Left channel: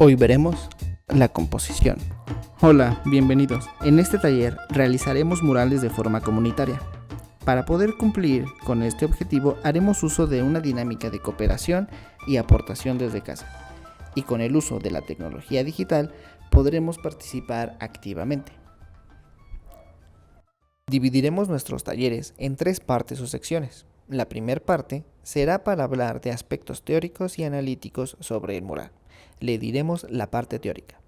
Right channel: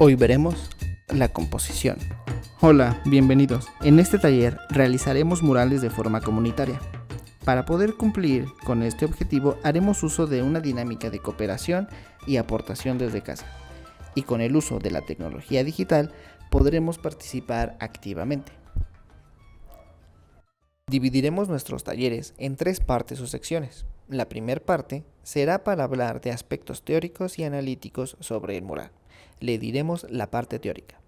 Hoy veremos la composición. Hola, bienvenidos. En este taller realizaremos murales de forma comunitaria. Para poder cumplir con este objetivo haremos uso de una dinámica de cooperación y aportación desde casa. Y con el uso de la tecnología digital podremos participar activamente. Dividiremos nuestros talleres en 3 partes o secciones. La primera parte será para hablar de aspectos teóricos y analíticos sobre el mural. Le diremos la parte teórica.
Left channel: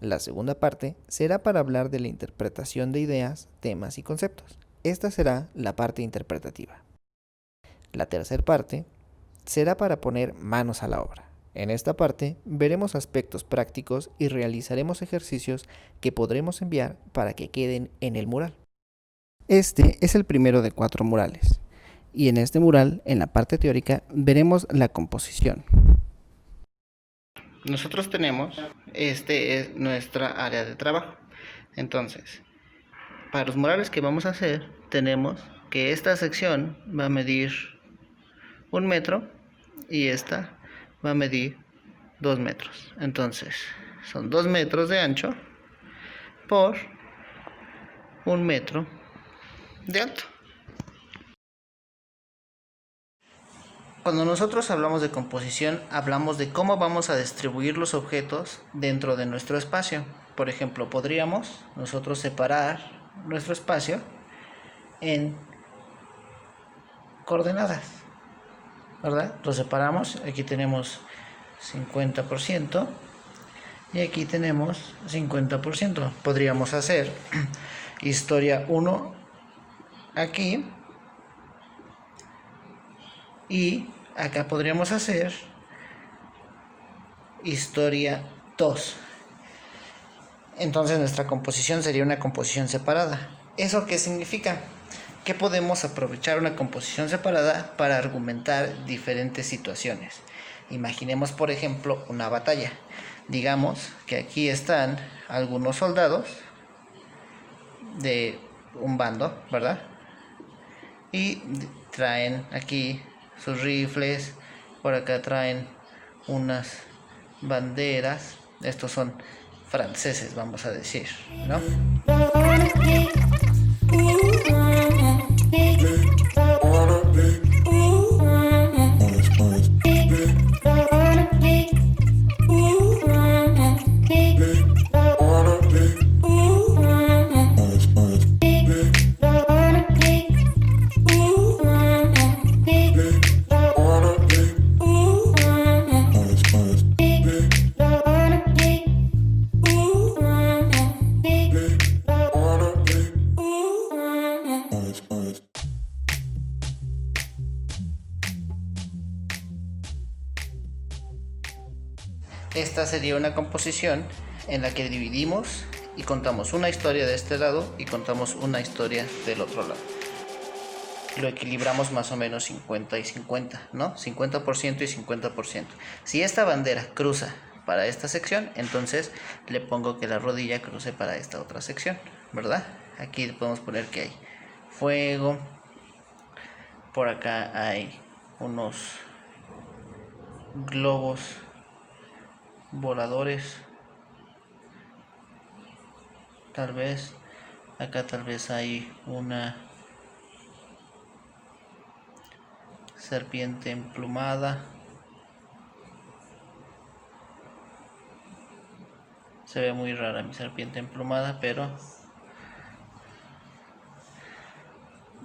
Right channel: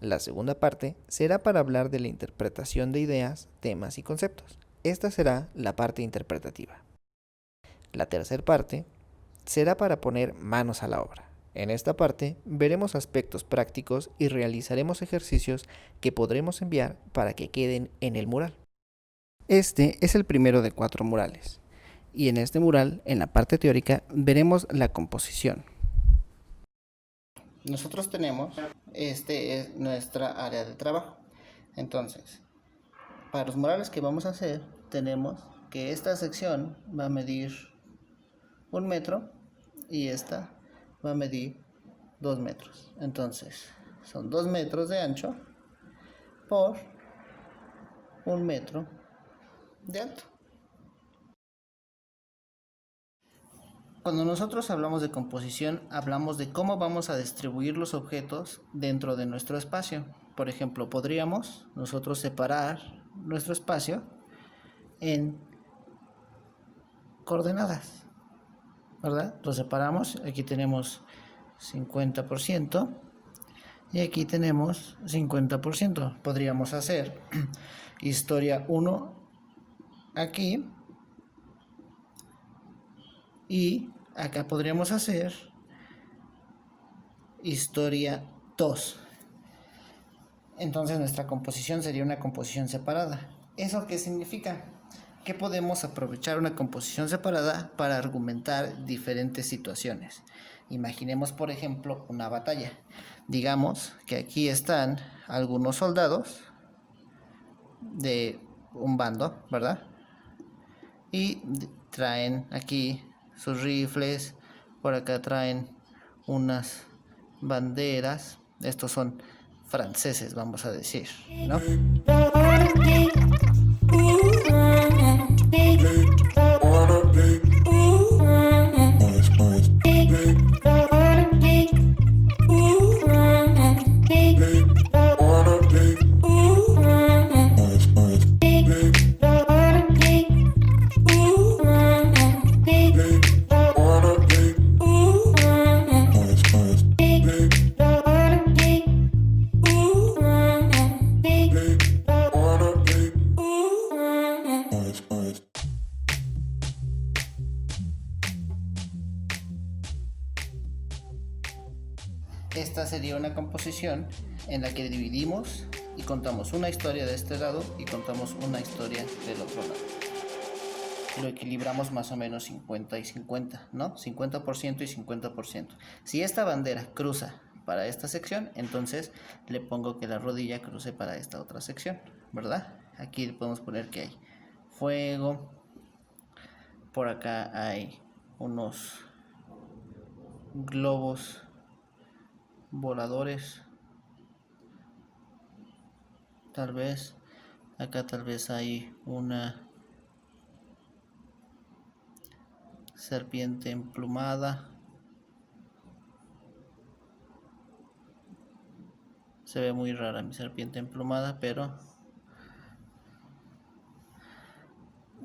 La segunda parte será para hablar de la interpretación de ideas, temas y conceptos. Esta será la parte interpretativa. La tercera parte será para poner manos a la obra. En esta parte veremos aspectos prácticos y realizaremos ejercicios que podremos enviar para que queden en el mural. Este es el primero de 4 murales. Y en este mural, en la parte teórica, veremos la composición. Nosotros tenemos, este es nuestra área de trabajo. Entonces, para los murales que vamos a hacer, tenemos que esta sección va a medir 1 metro y esta va a medir 2 metros. Entonces, son 2 metros de ancho por 1 metro de alto. Cuando nosotros hablamos de composición, hablamos de cómo vamos a distribuir los objetos dentro de nuestro espacio. Por ejemplo, podríamos nosotros separar nuestro espacio en coordenadas, ¿verdad? Lo separamos, aquí tenemos 50% y aquí tenemos 50%. Podríamos hacer historia 1 aquí y acá podríamos hacer historia 2. Entonces nuestra composición sería una composición separada. ¿Eso qué significa? Que podemos aprovechar una composición separada para argumentar diferentes situaciones. Imaginemos, por ejemplo, una batalla. Digamos que aquí están algunos soldados de un bando, ¿verdad? Y traen aquí sus rifles, por acá traen unas banderas. Estos son franceses, vamos a decir, ¿no? Esta sería una composición en la que dividimos y contamos una historia de este lado y contamos una historia del otro lado. Lo equilibramos más o menos 50 y 50, ¿no? 50% y 50%. Si esta bandera cruza para esta sección, entonces le pongo que la rodilla cruce para esta otra sección, ¿verdad? Aquí podemos poner que hay fuego. Por acá hay unos globos voladores, tal vez acá tal vez hay una serpiente emplumada. Se ve muy rara mi serpiente emplumada, pero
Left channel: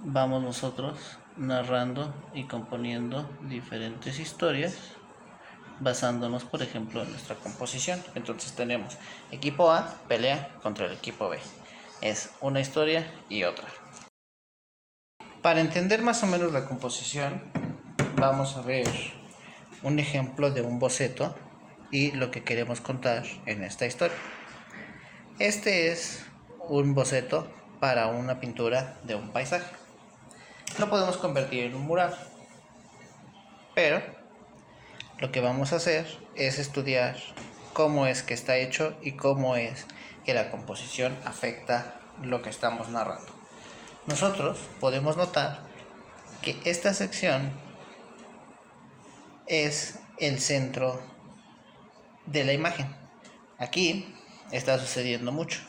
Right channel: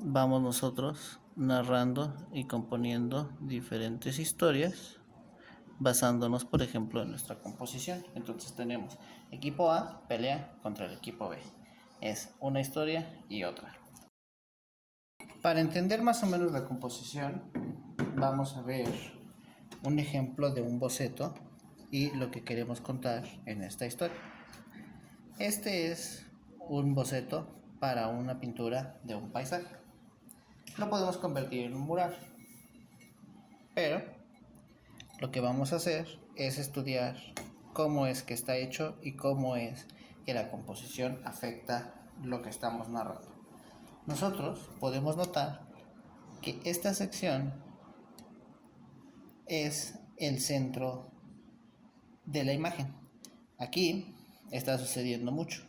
vamos nosotros narrando y componiendo diferentes historias basándonos, por ejemplo, en nuestra composición. Entonces tenemos equipo A pelea contra el equipo B. Es una historia y otra. Para entender más o menos la composición, vamos a ver un ejemplo de un boceto y lo que queremos contar en esta historia. Este es un boceto para una pintura de un paisaje. Lo podemos convertir en un mural, pero lo que vamos a hacer es estudiar cómo es que está hecho y cómo es que la composición afecta lo que estamos narrando. Nosotros podemos notar que esta sección es el centro de la imagen. Aquí está sucediendo mucho,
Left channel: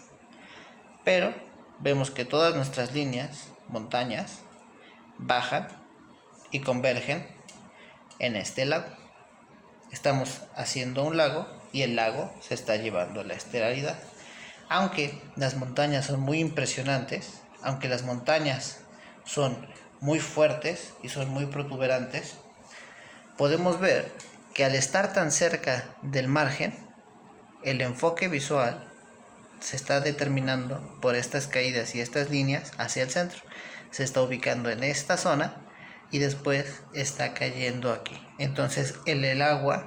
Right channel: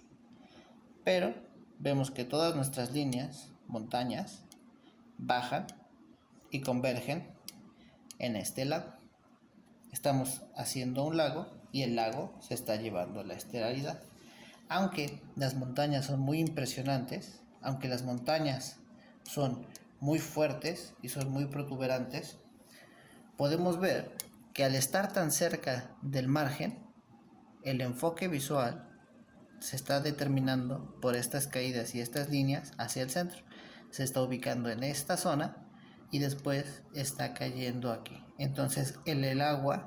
pero vemos que todas nuestras líneas, montañas, bajan y convergen en este lago. Estamos haciendo un lago y el lago se está llevando la estelaridad. Aunque las montañas son muy impresionantes, aunque las montañas son muy fuertes y son muy protuberantes, podemos ver que al estar tan cerca del margen, el enfoque visual se está determinando por estas caídas y estas líneas hacia el centro. Se está ubicando en esta zona y después está cayendo aquí. Entonces el agua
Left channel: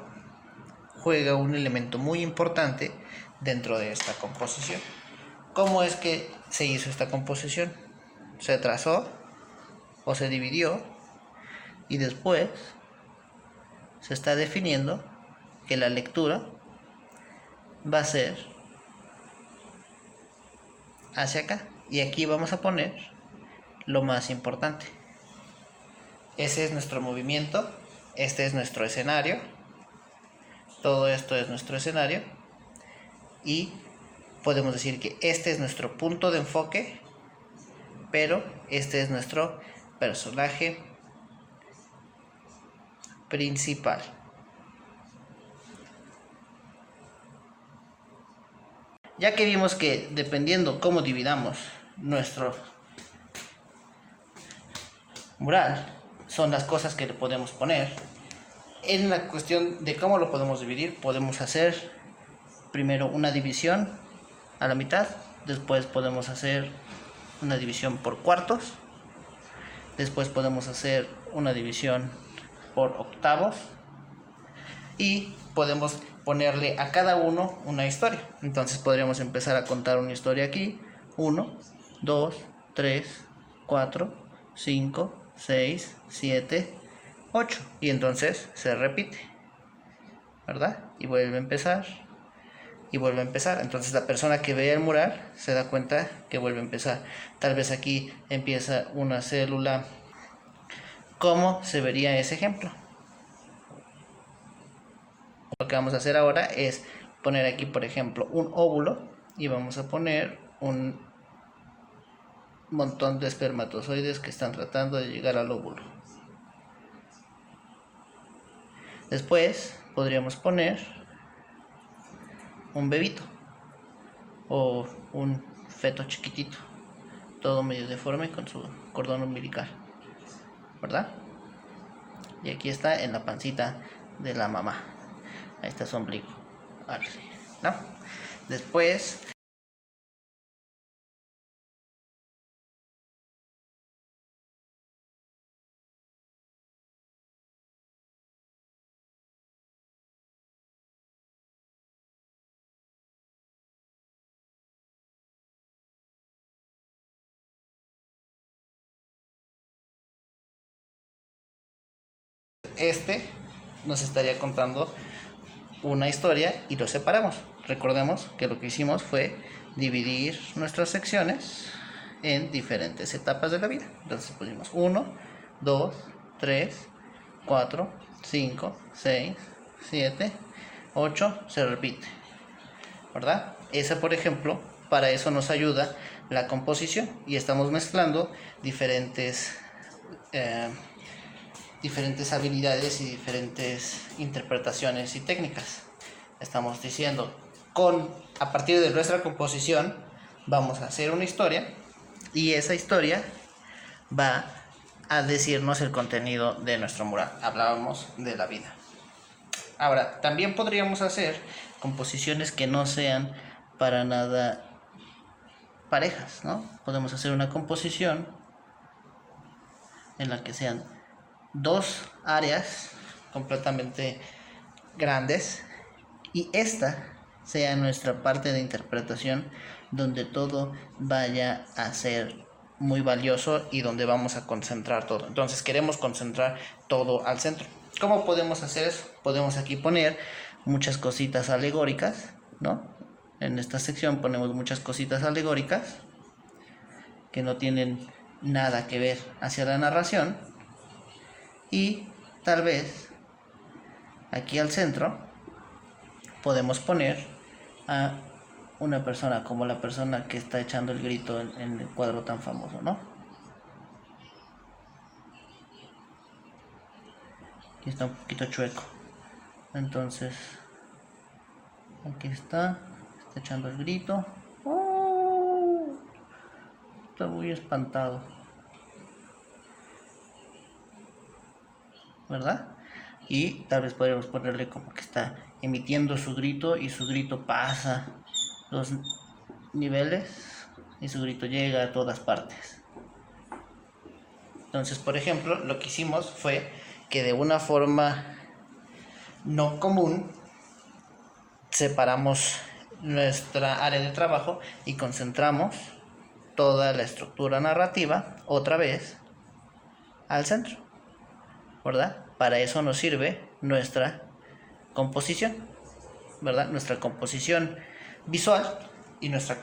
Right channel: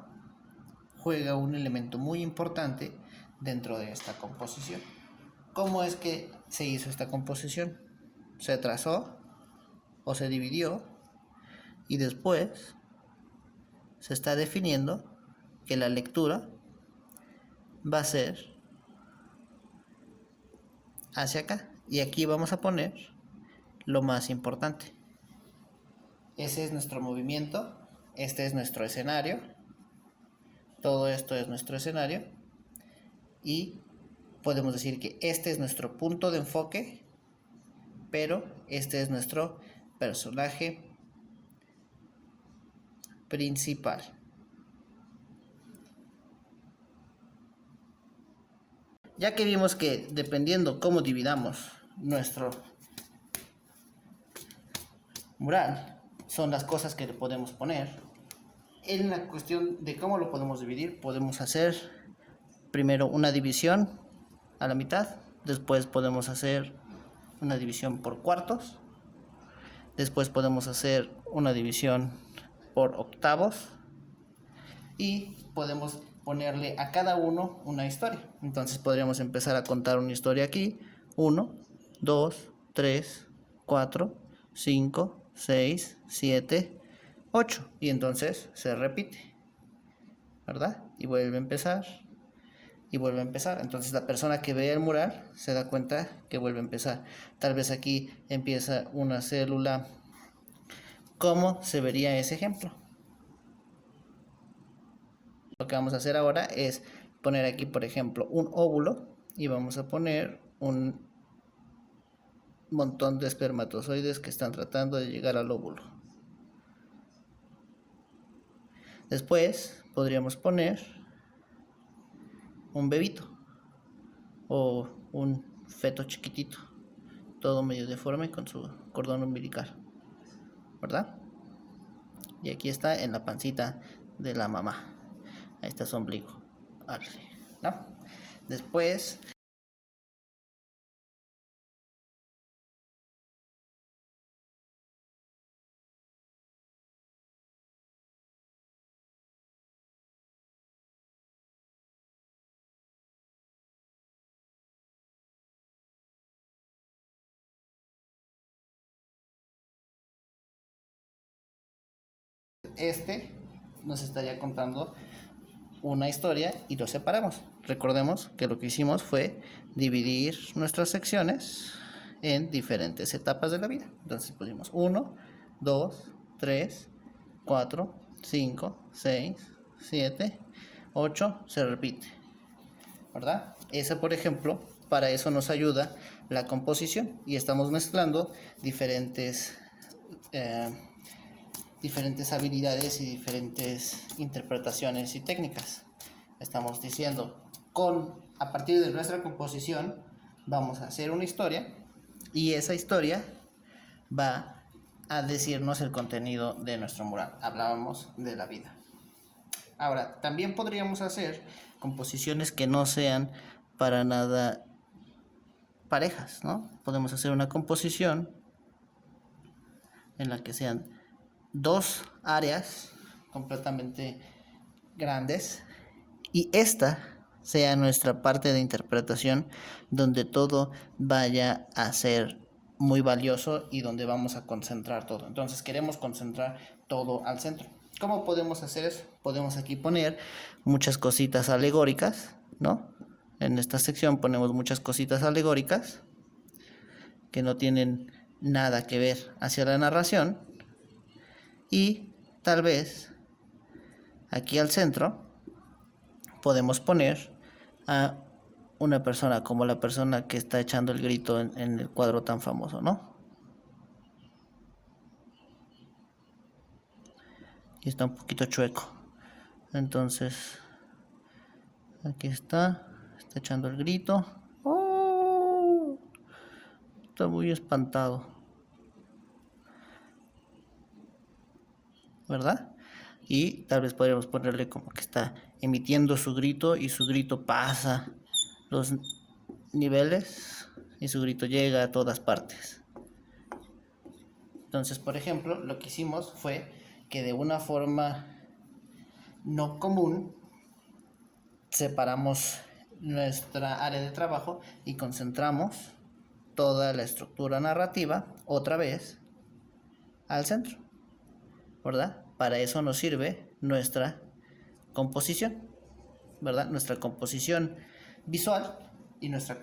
juega un elemento muy importante dentro de esta composición. ¿Cómo es que se hizo esta composición? Se trazó o se dividió y después se está definiendo que la lectura va a ser hacia acá, y aquí vamos a poner lo más importante. Ese es nuestro movimiento, este es nuestro escenario, todo esto es nuestro escenario, y podemos decir que este es nuestro punto de enfoque, pero este es nuestro personaje principal. Ya que vimos que dependiendo cómo dividamos nuestro mural, son las cosas que le podemos poner. En la cuestión de cómo lo podemos dividir, podemos hacer primero una división a la mitad, después podemos hacer una división por cuartos, después podemos hacer una división por octavos y podemos ponerle a cada uno una historia. Entonces podríamos empezar a contar una historia aquí: 1, 2, 3, 4, 5, 6, 7, 8, y entonces se repite, ¿verdad? Y vuelve a empezar y vuelve a empezar. Entonces la persona que ve el mural se da cuenta que vuelve a empezar. Tal vez aquí empieza una célula. ¿Cómo se vería ese ejemplo? Lo que vamos a hacer ahora es poner aquí, por ejemplo, un óvulo, y vamos a poner un montón de espermatozoides que están tratando de llegar al óvulo. Después podríamos poner un bebito o un feto chiquitito, todo medio deforme con su cordón umbilical, ¿verdad? Y aquí está en la pancita de la mamá. Ahí está su ombligo, ¿no? Después nos estaría contando una historia y lo separamos. Recordemos que lo que hicimos fue dividir nuestras secciones en diferentes etapas de la vida. Entonces pusimos 1, 2, 3, 4, 5, 6, 7, 8, se repite, ¿verdad? Esa, por ejemplo, para eso nos ayuda la composición, y estamos mezclando diferentes habilidades y diferentes interpretaciones y técnicas. Estamos diciendo, a partir de nuestra composición vamos a hacer una historia, y esa historia va a decirnos el contenido de nuestro mural. Hablábamos de la vida. Ahora, también podríamos hacer composiciones que no sean para nada parejas, ¿no? Podemos hacer una composición en la que sean dos áreas completamente grandes, y esta sea nuestra parte de interpretación, donde todo vaya a ser muy valioso y donde vamos a concentrar todo. Entonces queremos concentrar todo al centro. ¿Cómo podemos hacer eso? Podemos aquí poner muchas cositas alegóricas, ¿no? En esta sección ponemos muchas cositas alegóricas que no tienen nada que ver hacia la narración, y tal vez aquí al centro podemos poner a una persona como la persona que está echando el grito en el cuadro tan famoso, ¿no? Y está un poquito chueco. Entonces, aquí está echando el grito. ¡Oh! Está muy espantado, ¿verdad? Y tal vez podríamos ponerle como que está emitiendo su grito y su grito pasa los niveles y su grito llega a todas partes. Entonces, por ejemplo, lo que hicimos fue que de una forma no común separamos nuestra área de trabajo y concentramos toda la estructura narrativa otra vez al centro, ¿verdad? Para eso nos sirve nuestra composición, ¿verdad? Nuestra composición visual y nuestra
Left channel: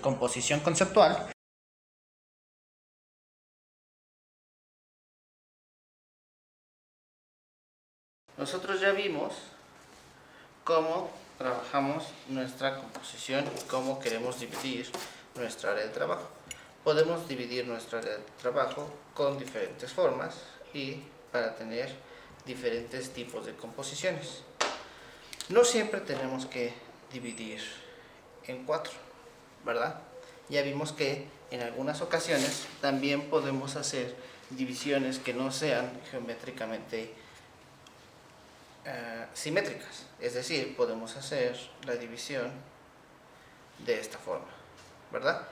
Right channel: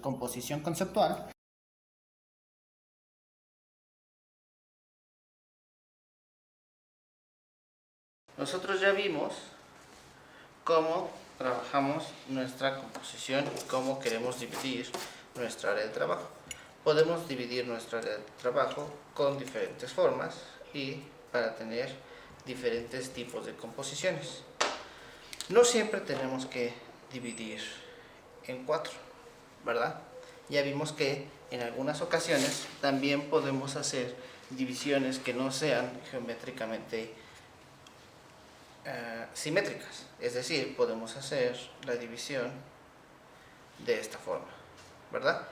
composición conceptual. Nosotros ya vimos cómo trabajamos nuestra composición y cómo queremos dividir nuestra área de trabajo. Podemos dividir nuestra área de trabajo con diferentes formas y para tener diferentes tipos de composiciones. No siempre tenemos que dividir en 4, ¿verdad? Ya vimos que en algunas ocasiones también podemos hacer divisiones que no sean geométricamente simétricas, es decir, podemos hacer la división de esta forma, ¿verdad?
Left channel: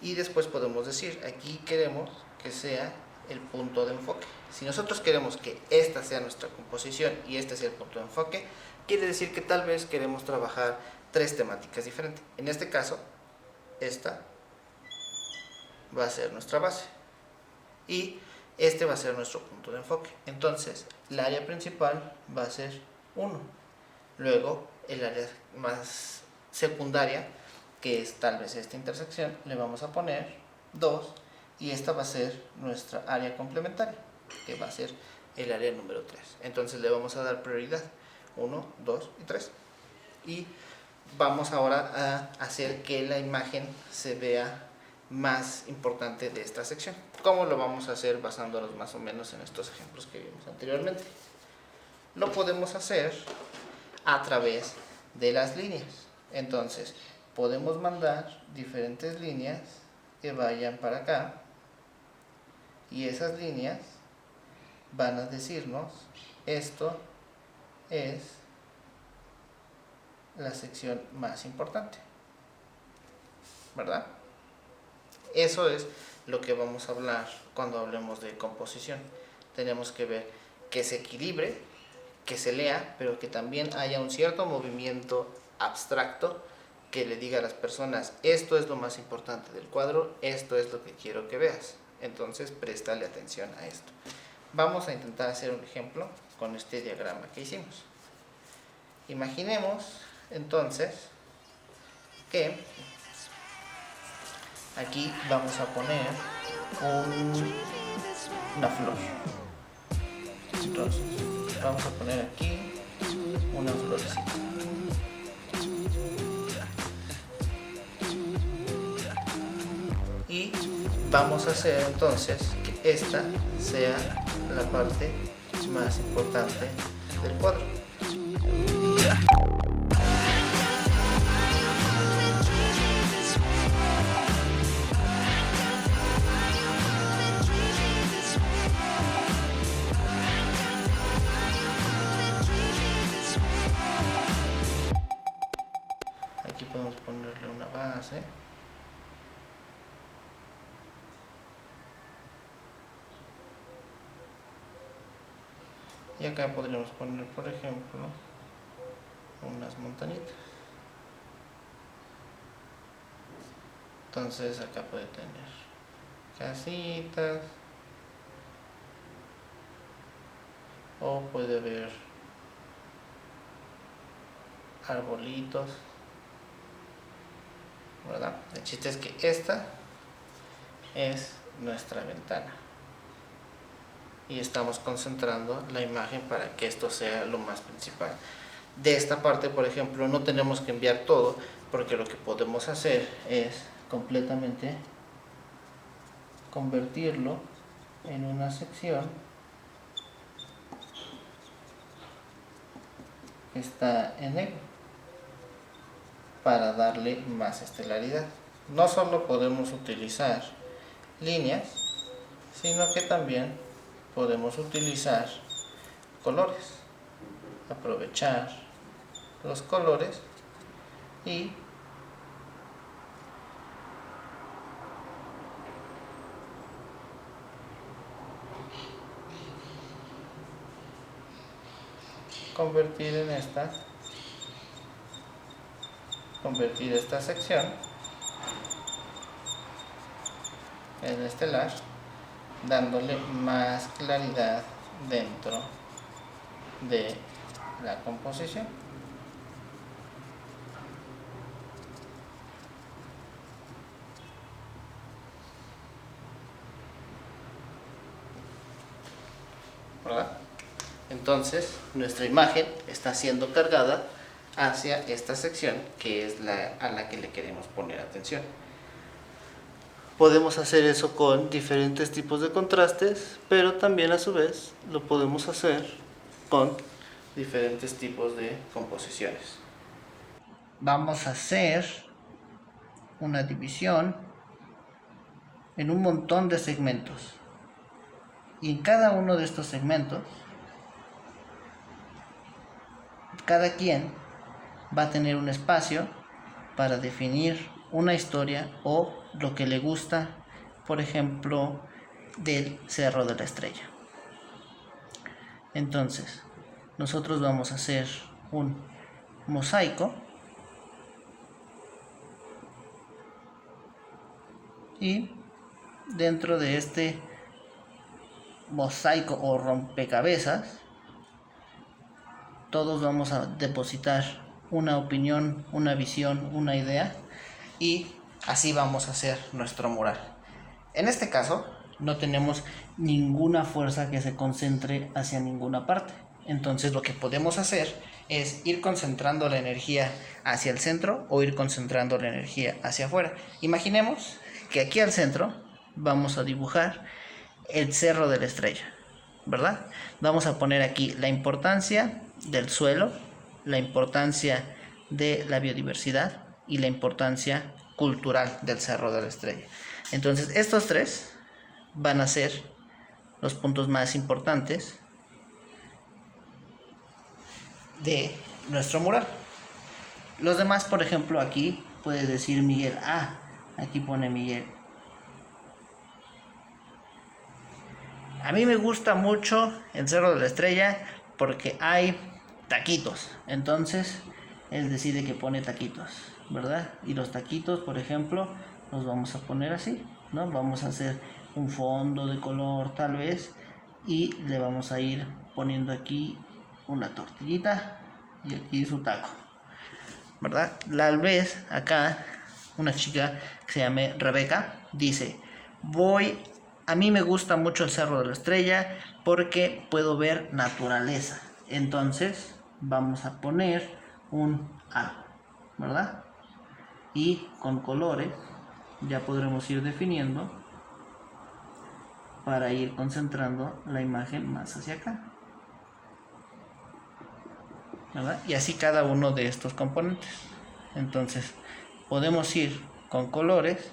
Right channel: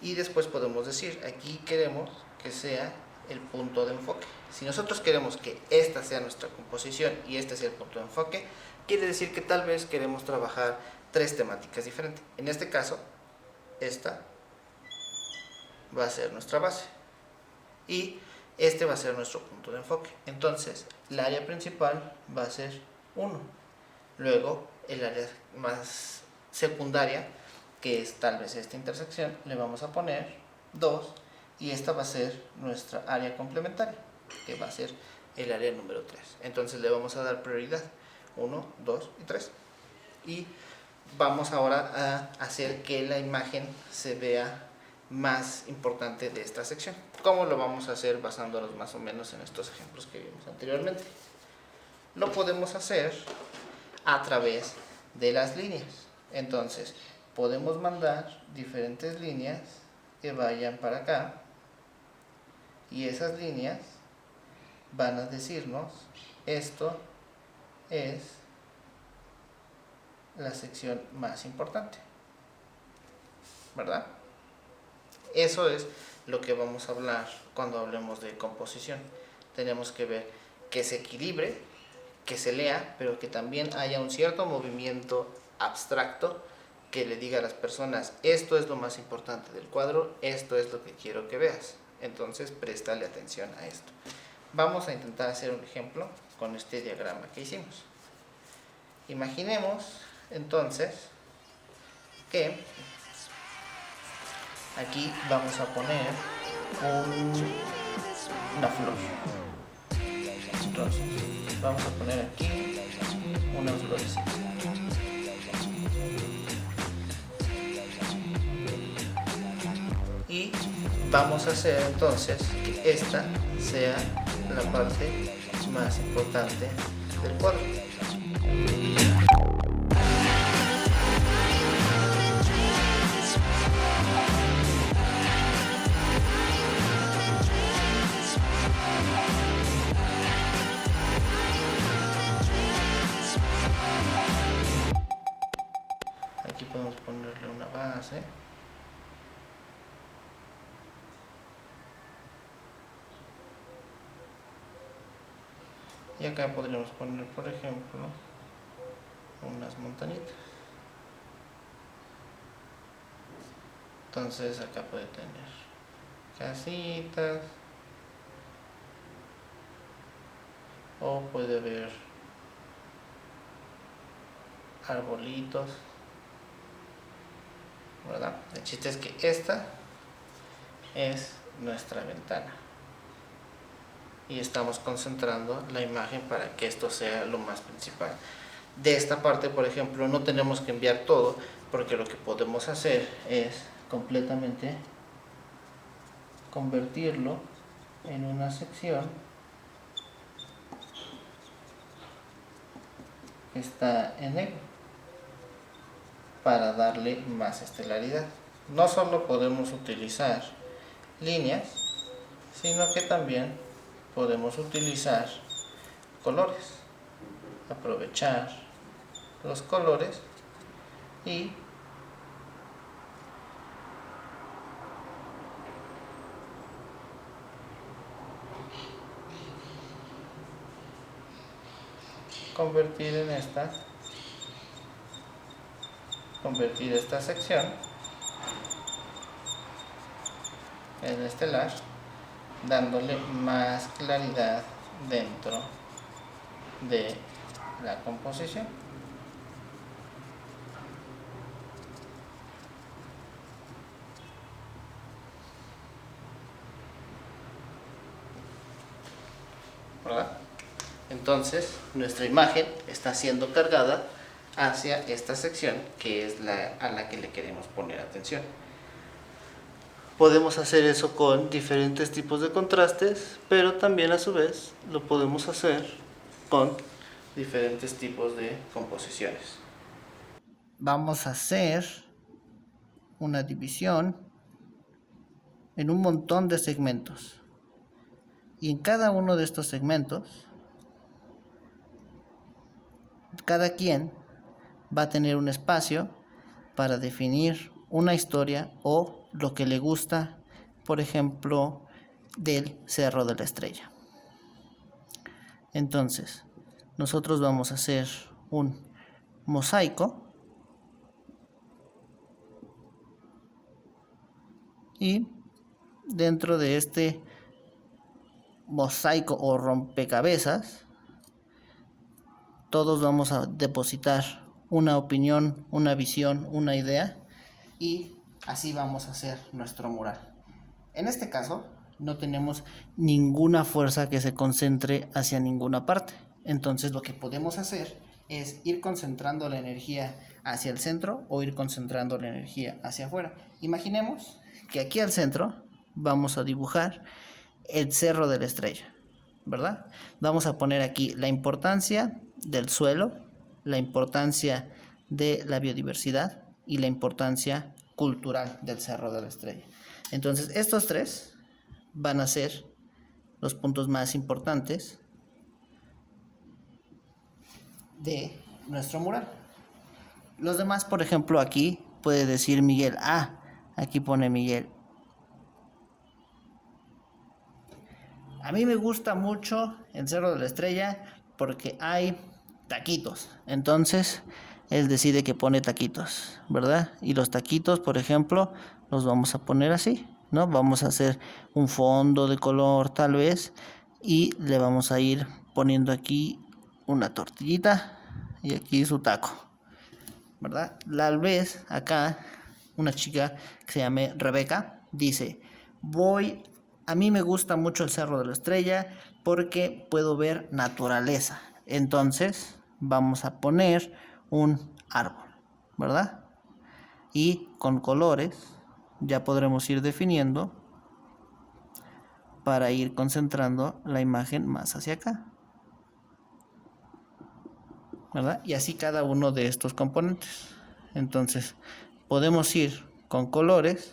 Y después podemos decir, aquí queremos que sea el punto de enfoque. Si nosotros queremos que esta sea nuestra composición y este sea el punto de enfoque, quiere decir que tal vez queremos trabajar 3 temáticas diferentes. En este caso, esta va a ser nuestra base y este va a ser nuestro punto de enfoque. Entonces, el área principal va a ser 1. Luego, el área más secundaria, que es tal vez esta intersección, le vamos a poner 2. Y esta va a ser nuestra área complementaria, que va a ser el área número 3. Entonces, le vamos a dar prioridad 1, 2 y 3. Y vamos ahora a hacer que la imagen se vea más importante de esta sección. ¿Cómo lo vamos a hacer? Basándonos más o menos en estos ejemplos que vimos anteriormente. Lo podemos hacer a través de las líneas. Entonces, podemos mandar diferentes líneas que vayan para acá y esas líneas van a decirnos esto es la sección más importante, ¿verdad? Eso es lo que vamos a hablar cuando hablemos de composición. Tenemos que ver que se equilibre, que se lea, pero que también haya un cierto movimiento abstracto que le diga a las personas, esto es lo más importante del cuadro, esto es lo que quiero que veas. Entonces, préstale atención a esto. Vamos a intentar hacer un ejemplo con este diagrama que hicimos. Imaginemos, entonces, que aquí vamos a poner una flor. Entonces, vamos a poner aquí una florecita. Y vamos a hacer entonces que esta sea la parte más importante del cuadro. Aquí podemos ponerle una base. Y acá podríamos poner, por ejemplo, unas montañitas. Entonces acá puede tener casitas o puede haber arbolitos, ¿verdad? El chiste es que esta es nuestra ventana y estamos concentrando la imagen para que esto sea lo más principal. De esta parte, por ejemplo, no tenemos que enviar todo, porque lo que podemos hacer es completamente convertirlo en una sección que está en negro para darle más estelaridad. No solo podemos utilizar líneas, sino que también podemos utilizar colores, aprovechar los colores y convertir esta sección en estelar, dándole más claridad dentro de la composición. ¿Verdad? Entonces nuestra imagen está siendo cargada hacia esta sección que es a la que le queremos poner atención. Podemos hacer eso con diferentes tipos de contrastes, pero también a su vez lo podemos hacer con diferentes tipos de composiciones. Vamos a hacer una división en un montón de segmentos. Y en cada uno de estos segmentos, cada quien va a tener un espacio para definir una historia o lo que le gusta, por ejemplo, del Cerro de la Estrella. Entonces, nosotros vamos a hacer un mosaico y dentro de este mosaico o rompecabezas, todos vamos a depositar una opinión, una visión, una idea y así vamos a hacer nuestro mural. En este caso no tenemos ninguna fuerza que se concentre hacia ninguna parte. Entonces lo que podemos hacer es ir concentrando la energía hacia el centro o ir concentrando la energía hacia afuera. Imaginemos que aquí al centro vamos a dibujar el Cerro de la Estrella, ¿verdad? Vamos a poner aquí la importancia del suelo, la importancia de la biodiversidad y la importancia cultural del Cerro de la Estrella. Entonces estos tres van a ser los puntos más importantes de nuestro mural. Los demás, por ejemplo, aquí puede decir Miguel, aquí pone Miguel. A mí me gusta mucho el Cerro de la Estrella porque hay taquitos. Entonces, él decide que pone taquitos, ¿verdad? Y los taquitos, por ejemplo, los vamos a poner así, ¿no? Vamos a hacer un fondo de color tal vez y le vamos a ir poniendo aquí una tortillita y aquí su taco, ¿verdad? Tal vez acá una chica que se llame Rebeca dice, a mí me gusta mucho el Cerro de la Estrella porque puedo ver naturaleza. Entonces vamos a poner un árbol, ¿verdad? Y con colores ya podremos ir definiendo para ir concentrando la imagen más hacia acá, ¿verdad? Y así cada uno de estos componentes. Entonces podemos ir con colores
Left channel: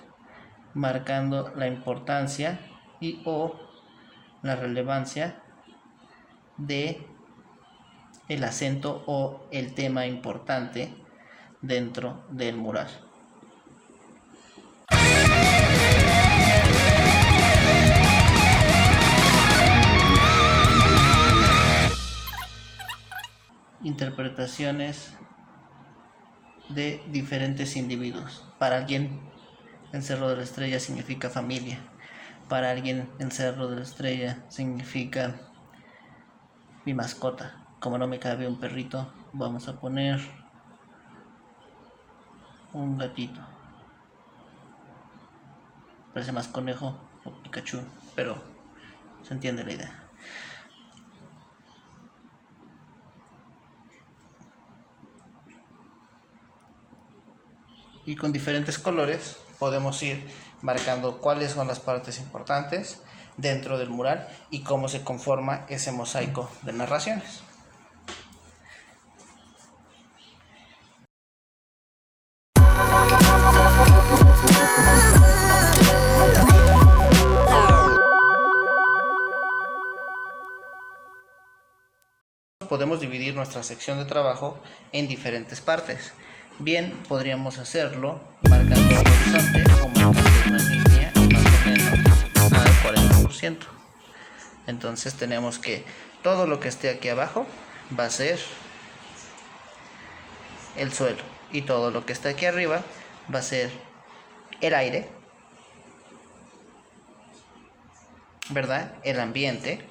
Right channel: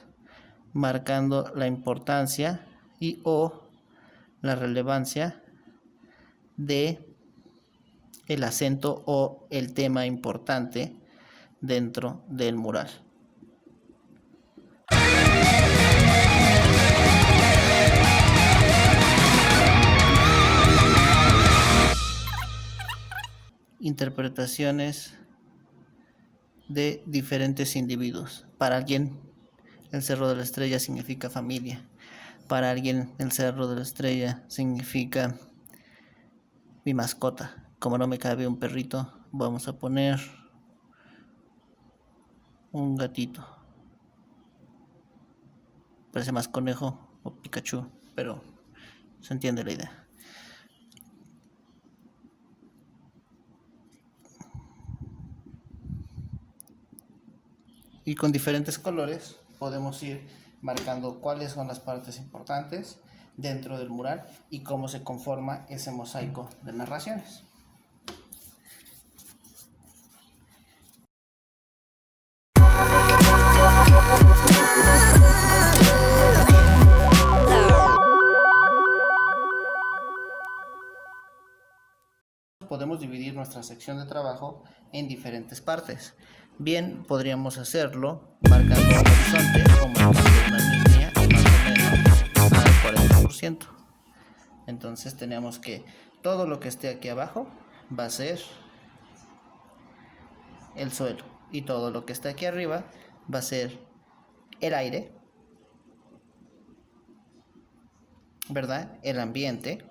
marcando la importancia y o la relevancia de el acento o el tema importante dentro del mural. Interpretaciones de diferentes individuos. Para alguien el Cerro de la Estrella significa familia. Para alguien el Cerro de la Estrella significa mi mascota. Como no me cabe un perrito, vamos a poner un gatito. Parece más conejo o Pikachu, pero se entiende la idea. Y con diferentes colores podemos ir marcando cuáles son las partes importantes dentro del mural y cómo se conforma ese mosaico de narraciones. Podemos dividir nuestra sección de trabajo en diferentes partes. Bien, podríamos hacerlo marcando un horizonte o marcando una línea al 40%. Entonces tenemos que todo lo que esté aquí abajo va a ser el suelo y todo lo que está aquí arriba va a ser el aire, ¿verdad? El ambiente.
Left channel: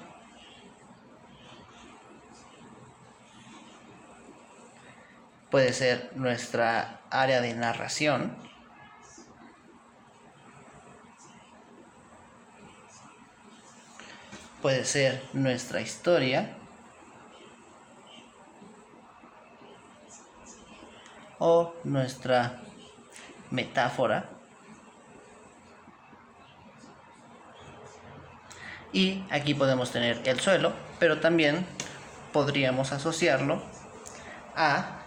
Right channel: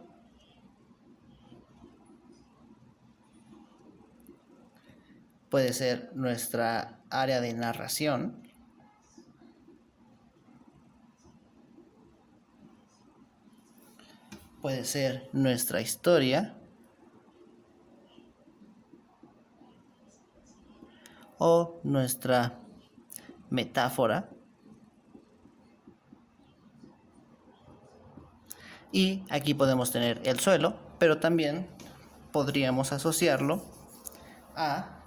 Puede ser nuestra área de narración. Puede ser nuestra historia. O nuestra metáfora. Y aquí podemos tener el suelo, pero también podríamos asociarlo a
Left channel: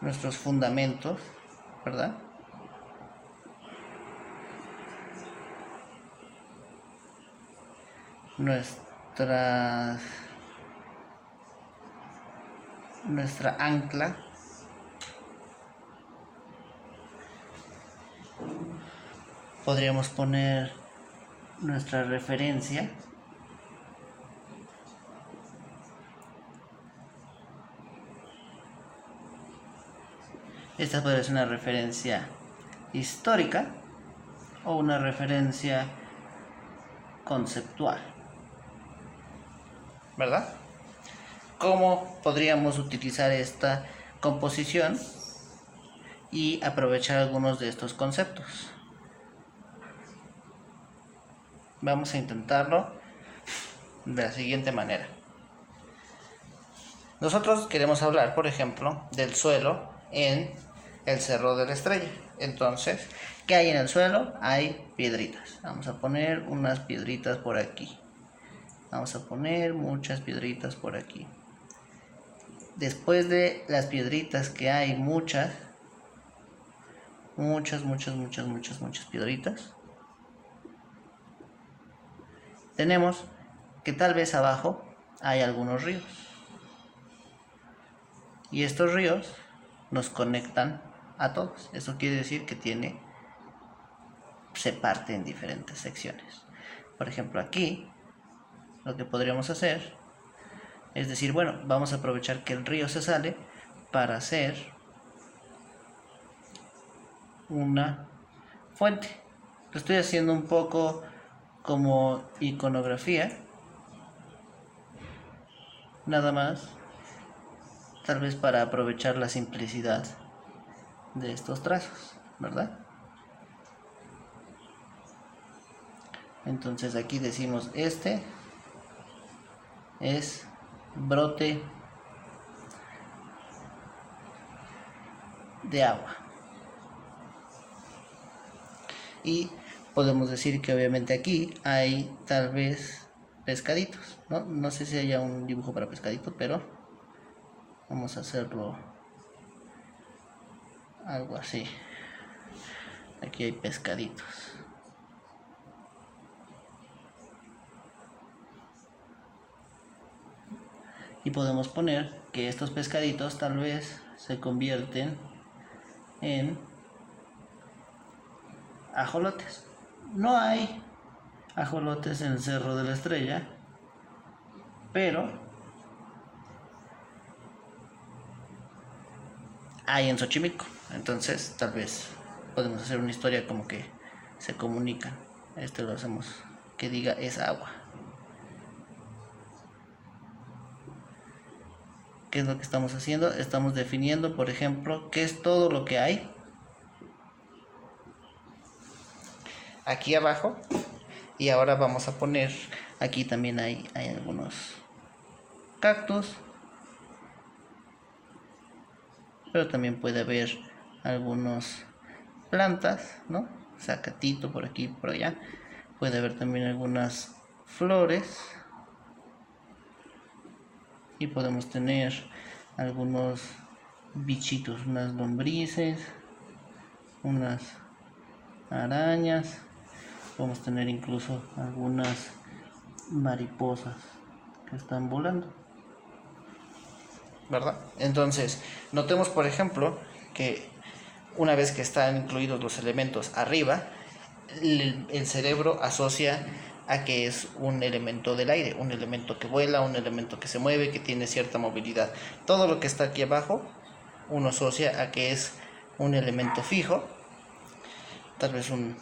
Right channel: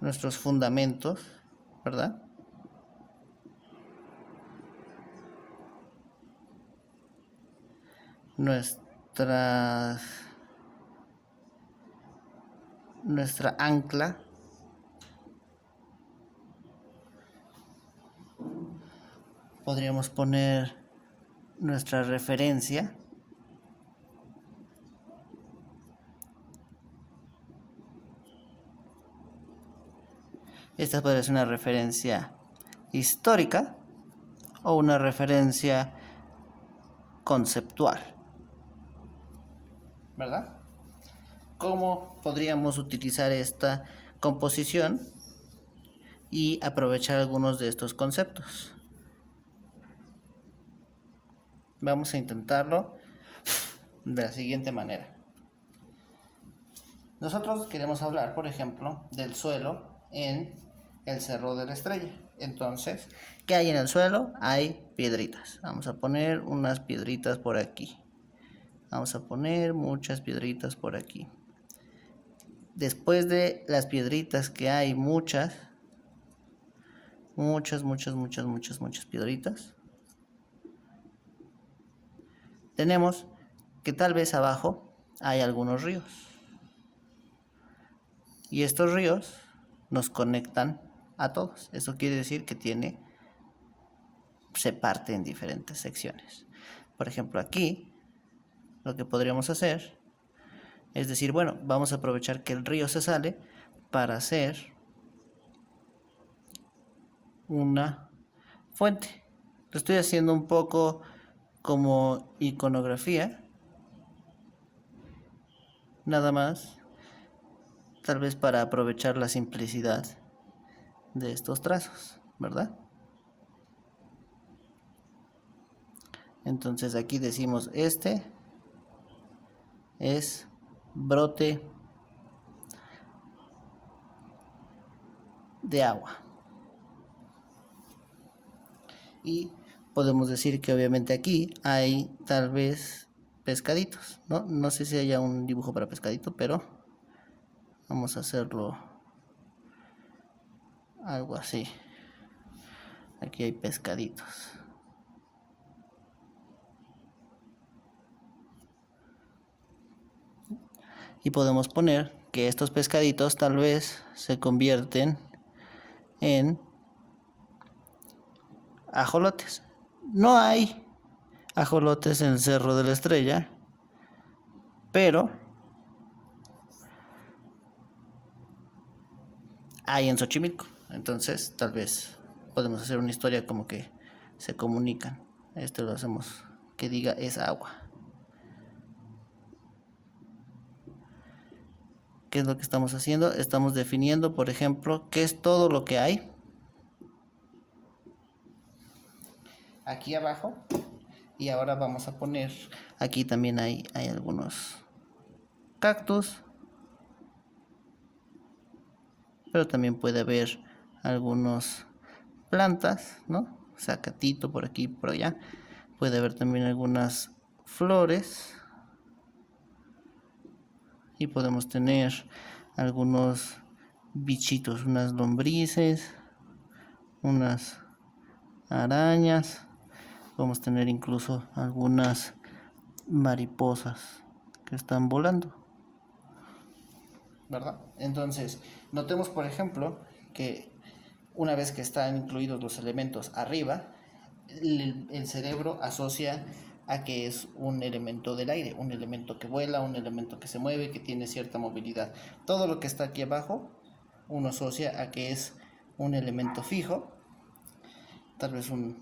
nuestros fundamentos, ¿verdad? Nuestra ancla. Podríamos poner nuestra referencia. Esta podría ser una referencia histórica o una referencia conceptual, ¿verdad? ¿Cómo podríamos utilizar esta composición y aprovechar algunos de estos conceptos? Vamos a intentarlo de la siguiente manera. Nosotros queremos hablar, por ejemplo, del suelo en el Cerro de la Estrella. Entonces, ¿qué hay en el suelo? Hay piedritas. Vamos a poner unas piedritas por aquí. Vamos a poner muchas piedritas por aquí. Después de las piedritas que hay muchas piedritas, tenemos que tal vez abajo hay algunos ríos. Y estos ríos nos conectan a todos. Eso quiere decir que se parte en diferentes secciones. Por ejemplo, aquí lo que podríamos hacer es decir, bueno, vamos a aprovechar que el río se sale para hacer una fuente. Lo estoy haciendo un poco como iconografía, nada más, tal vez para aprovechar la simplicidad de estos trazos, ¿verdad? Entonces aquí decimos este es brote de agua. Y podemos decir que obviamente aquí hay tal vez pescaditos, ¿no? No sé si haya un dibujo para pescadito, pero vamos a hacerlo algo así. Aquí hay pescaditos. Y podemos poner que estos pescaditos tal vez se convierten en ajolotes. No hay ajolotes en el Cerro de la Estrella, pero hay en Xochimilco. Entonces tal vez podemos hacer una historia como que se comunican. Esto lo hacemos que diga es agua. ¿Qué es lo que estamos haciendo? Estamos definiendo, por ejemplo, qué es todo lo que hay aquí abajo. Y ahora vamos a poner, aquí también hay algunos cactus, pero también puede haber algunos plantas, ¿no? Zacatito por aquí, por allá. Puede haber también algunas flores. Y podemos tener algunos bichitos, unas lombrices, unas arañas. Vamos a tener incluso algunas mariposas que están volando, ¿verdad? Entonces, notemos por ejemplo que una vez que están incluidos los elementos arriba, el cerebro asocia a que es un elemento del aire, un elemento que vuela, un elemento que se mueve, que tiene cierta movilidad. Todo lo que está aquí abajo, uno asocia a que es un elemento fijo, tal vez un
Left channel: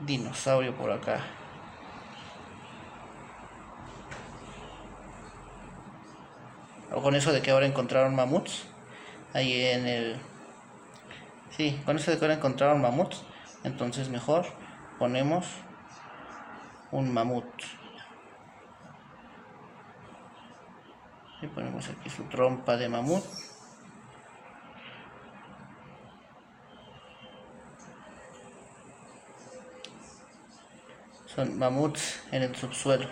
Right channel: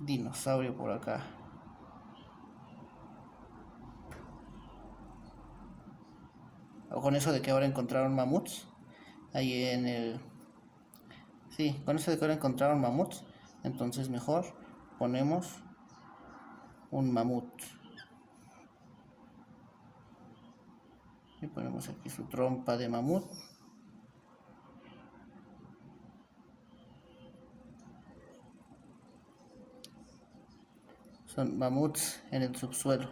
dinosaurio por acá. O con eso de que ahora encontraron mamuts, ahí en el... Sí, con eso de que ahora encontraron mamuts, entonces mejor ponemos un mamut. Y ponemos aquí su trompa de mamut. Son mamuts en el subsuelo.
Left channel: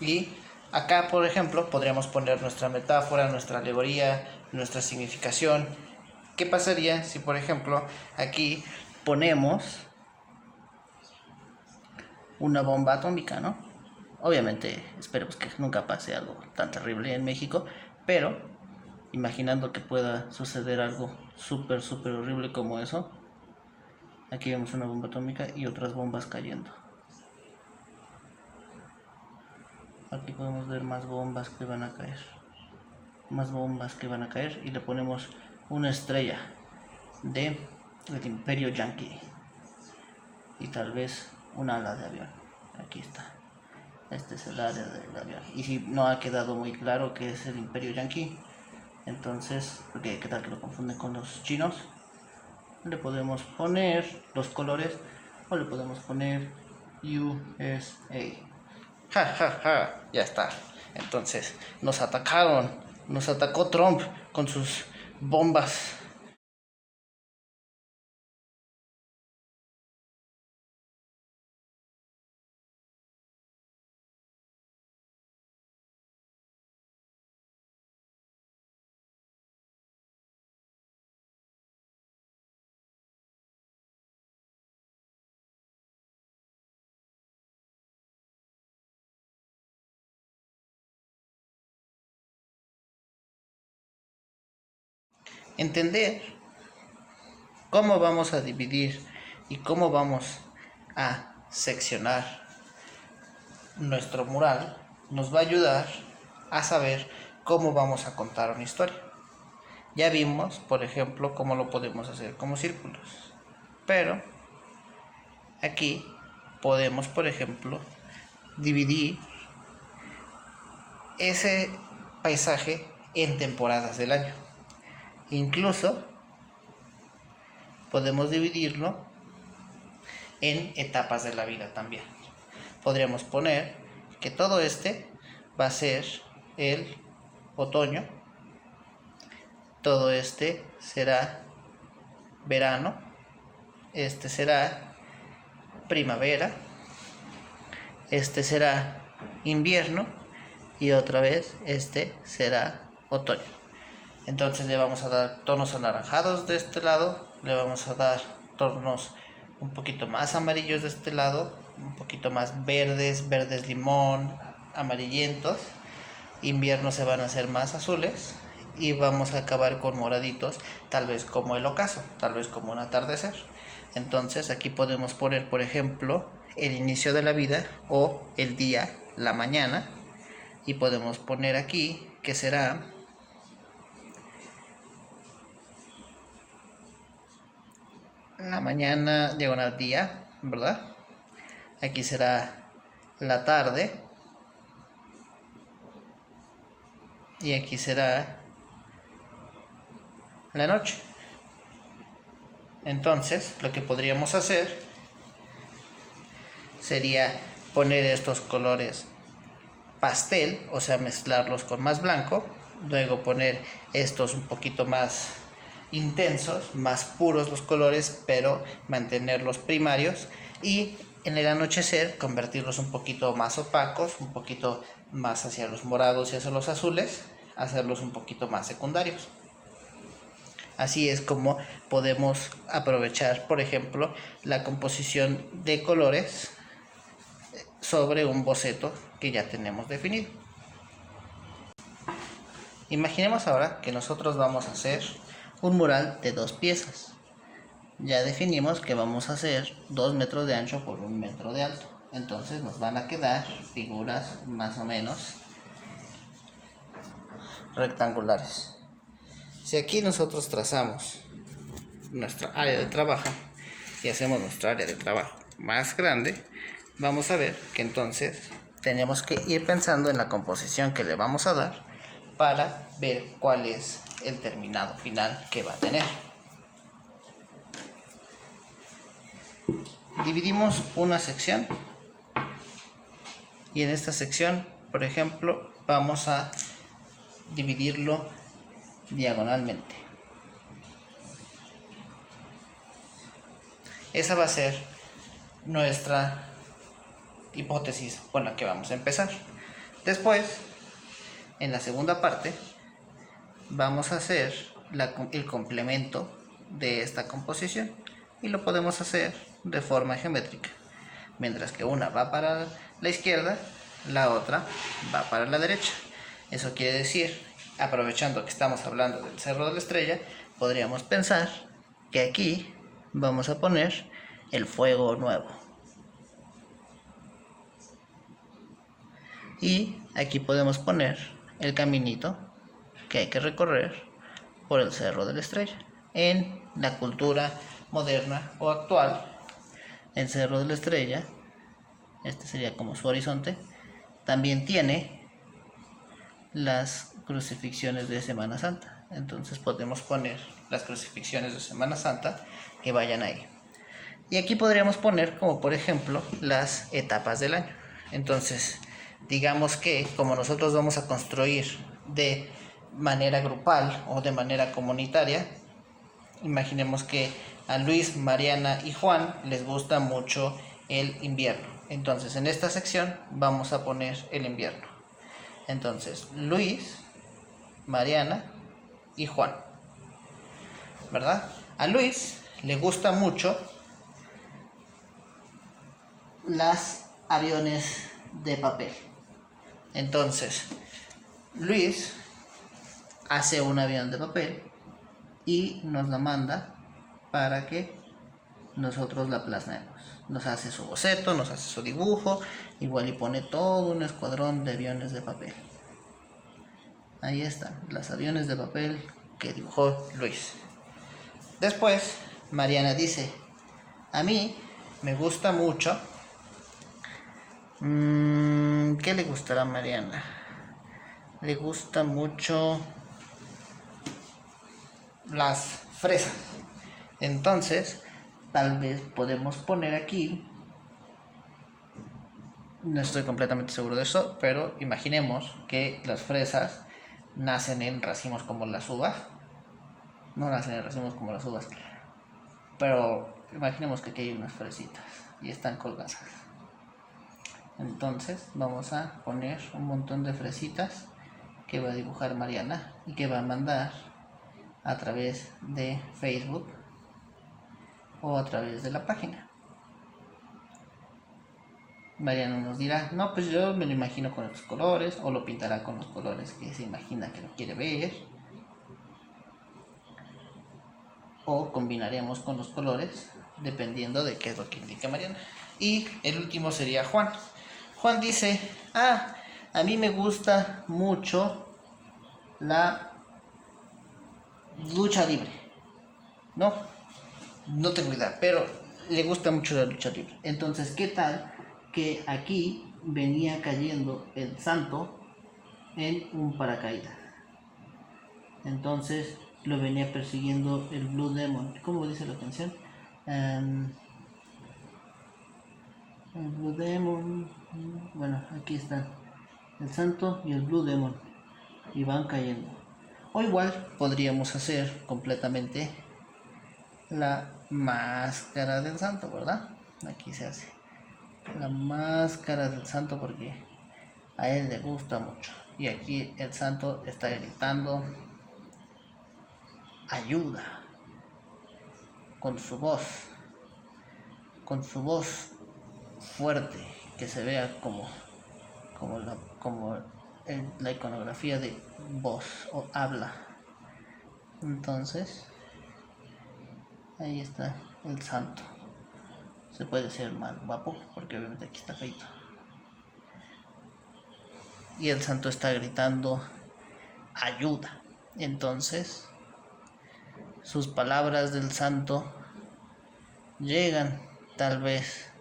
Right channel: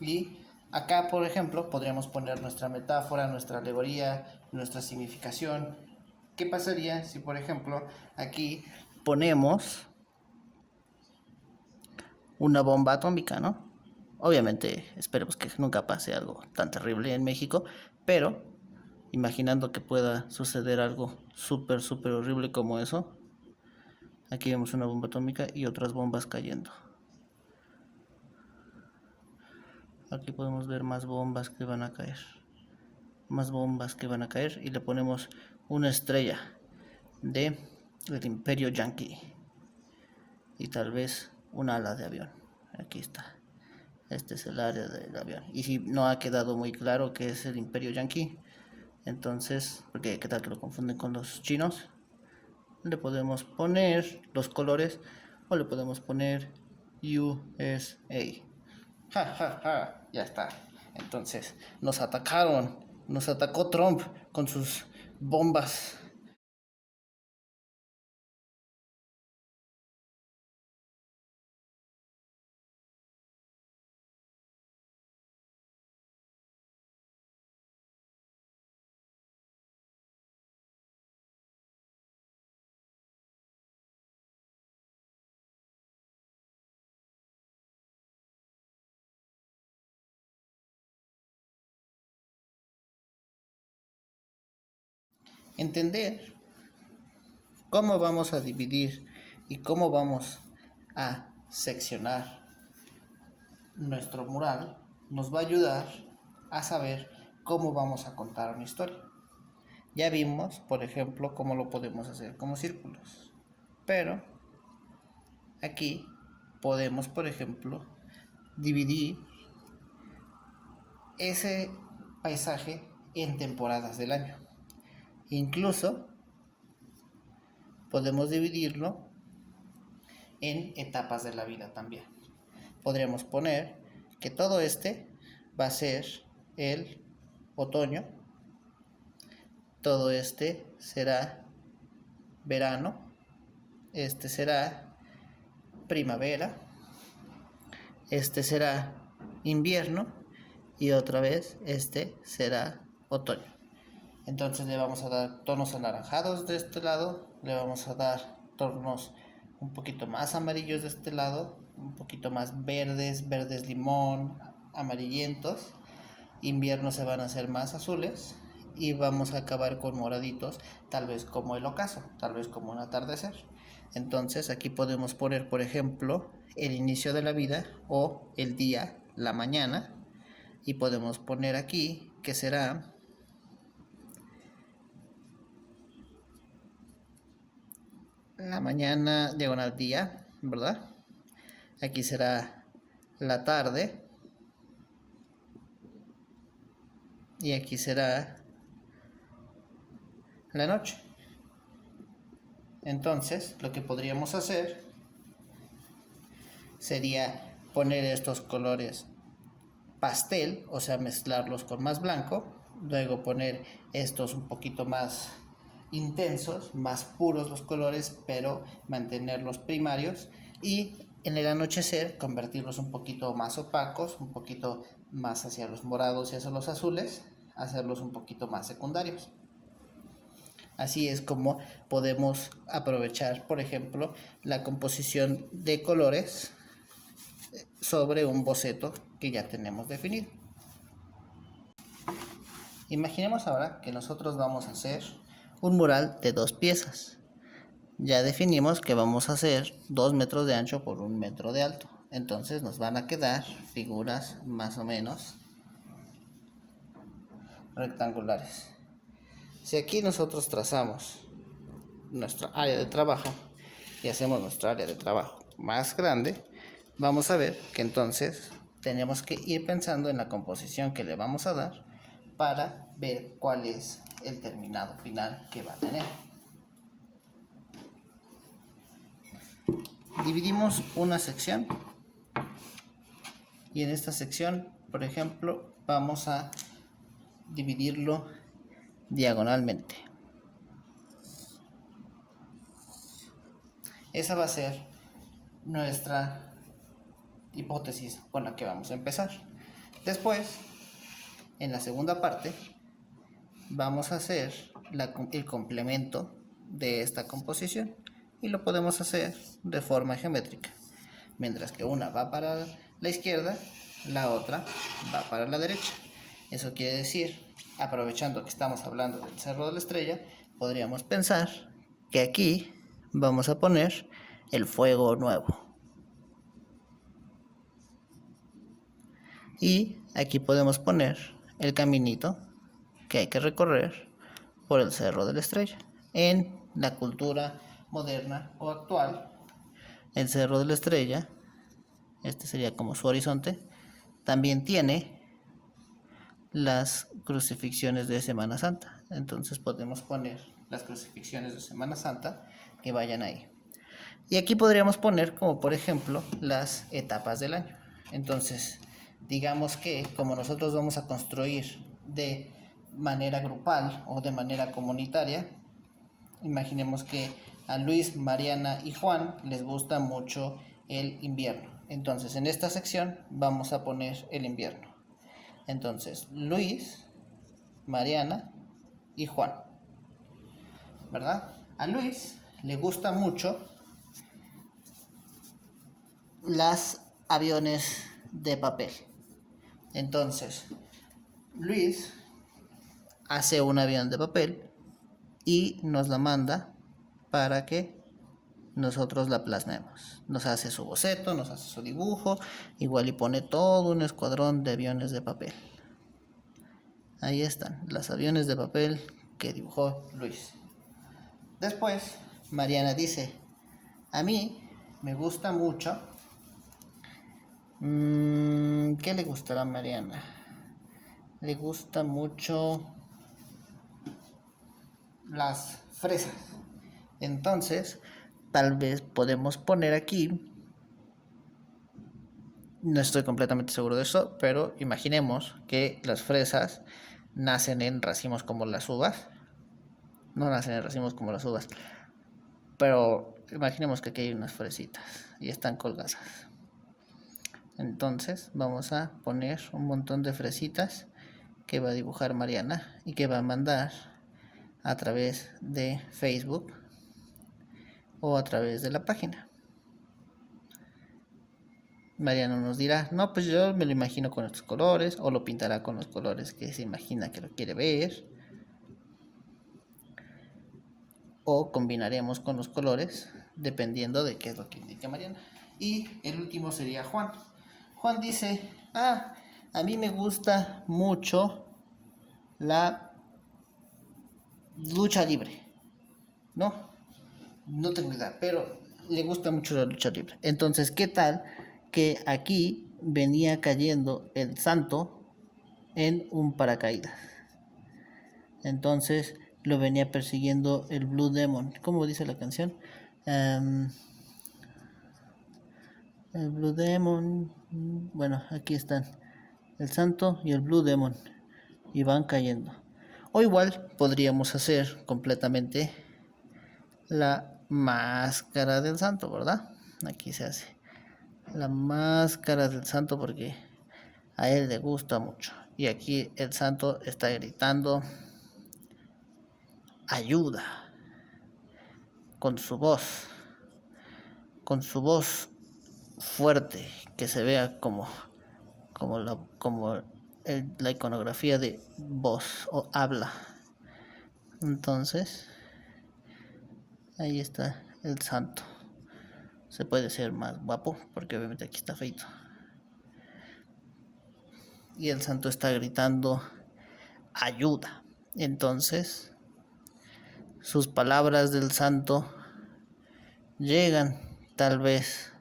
Y acá, por ejemplo, podríamos poner nuestra metáfora, nuestra alegoría, nuestra significación. ¿Qué pasaría si, por ejemplo, aquí ponemos una bomba atómica, ¿no? Obviamente, esperemos que nunca pase algo tan terrible en México, pero imaginando que pueda suceder algo súper, súper horrible como eso, aquí vemos una bomba atómica y otras bombas cayendo. Aquí podemos ver más bombas que van a caer. Más bombas que van a caer y le ponemos una estrella de el Imperio Yankee y tal vez un ala de avión. Aquí está. Este es el área del avión. Y si no ha quedado muy claro que es el Imperio Yankee, entonces, porque qué tal que lo confunden con los chinos, le podemos poner los colores o le podemos poner USA. Ja, ja, ja, ya está. Entonces, nos atacaron, nos atacó Trump con sus bombas. Entender cómo vamos a dividir y cómo vamos a seccionar nuestro mural nos va a ayudar a saber cómo vamos a contar una historia. Ya vimos, por ejemplo, cómo lo podemos hacer como círculos. Pero aquí podemos, por ejemplo, dividir ese paisaje en temporadas del año. Incluso podemos dividirlo en etapas de la vida también. Podríamos poner que todo este va a ser el otoño, todo este será verano, este será primavera, este será invierno y otra vez este será otoño. Entonces le vamos a dar tonos anaranjados de este lado, le vamos a dar tonos un poquito más amarillos de este lado, un poquito más verdes, verdes limón, amarillentos. Invierno se van a hacer más azules y vamos a acabar con moraditos, tal vez como el ocaso, tal vez como un atardecer. Entonces aquí podemos poner, por ejemplo, el inicio de la vida o el día, la mañana, y podemos poner aquí que será la mañana diagonal día, ¿verdad? Aquí será la tarde y aquí será la noche. Entonces, lo que podríamos hacer sería poner estos colores pastel, o sea, mezclarlos con más blanco, luego poner estos un poquito más intensos, más puros los colores, pero mantenerlos primarios, y en el anochecer convertirlos un poquito más opacos, un poquito más hacia los morados y hacia los azules, hacerlos un poquito más secundarios. Así es como podemos aprovechar, por ejemplo, la composición de colores sobre un boceto que ya tenemos definido. Imaginemos ahora que nosotros vamos a hacer un mural de 2 piezas. Ya definimos que vamos a hacer 2 metros de ancho por 1 metro de alto. Entonces nos van a quedar figuras más o menos rectangulares. Si aquí nosotros trazamos nuestra área de trabajo y hacemos nuestra área de trabajo más grande, vamos a ver que entonces tenemos que ir pensando en la composición que le vamos a dar para ver cuál es el terminado final que va a tener. Dividimos una sección y en esta sección, por ejemplo, vamos a dividirlo diagonalmente. Esa va a ser nuestra hipótesis con la que vamos a empezar. Después, en la segunda parte, vamos a hacer el complemento de esta composición y lo podemos hacer de forma geométrica. Mientras que una va para la izquierda, la otra va para la derecha. Eso quiere decir, aprovechando que estamos hablando del Cerro de la Estrella, podríamos pensar que aquí vamos a poner el fuego nuevo. Y aquí podemos poner el caminito que hay que recorrer por el Cerro de la Estrella. En la cultura moderna o actual, el Cerro de la Estrella, este sería como su horizonte, también tiene las crucifixiones de Semana Santa. Entonces podemos poner las crucifixiones de Semana Santa que vayan ahí. Y aquí podríamos poner como por ejemplo las etapas del año. Entonces, digamos que como nosotros vamos a construir de manera grupal o de manera comunitaria, imaginemos que a Luis, Mariana y Juan les gusta mucho el invierno. Entonces, en esta sección vamos a poner el invierno. Entonces, Luis, Mariana y Juan, ¿verdad? A Luis le gusta mucho los aviones de papel. Entonces, Luis hace un avión de papel y nos la manda para que nosotros la plasmemos. Nos hace su boceto, nos hace su dibujo, igual y pone todo un escuadrón de aviones de papel. Ahí están, los aviones de papel que dibujó Luis. Después, Mariana dice, a mí me gusta mucho. ¿Qué le gustará a Mariana? Le gusta mucho las fresas. Entonces, tal vez podemos poner aquí, no estoy completamente seguro de eso, pero imaginemos que las fresas nacen en racimos como las uvas. No nacen en racimos como las uvas, pero imaginemos que aquí hay unas fresitas y están colgadas. Entonces vamos a poner un montón de fresitas que va a dibujar Mariana y que va a mandar a través de Facebook o a través de la página. Mariana nos dirá, no, pues yo me lo imagino con estos colores, o lo pintará con los colores que se imagina que lo quiere ver, o combinaremos con los colores dependiendo de qué es lo que indica Mariana. Y el último sería Juan. Juan dice, a mí me gusta mucho la lucha libre. No tengo idea, pero le gusta mucho la lucha libre. Entonces, ¿qué tal que aquí venía cayendo el santo en un paracaídas? Entonces, lo venía persiguiendo el Blue Demon. ¿Cómo dice la canción? El Blue Demon. Bueno, aquí están el Santo y el Blue Demon. Y van cayendo. O igual podríamos hacer completamente la máscara del Santo, ¿verdad? Aquí se hace la máscara del Santo porque a él le gusta mucho. Y aquí el Santo está gritando ayuda con su voz fuerte, que se vea como la iconografía de voz o habla. Entonces, ahí está el Santo. Se puede ser más guapo porque obviamente aquí está feito. Y el Santo está gritando ayuda. Entonces, sus palabras del Santo llegan tal vez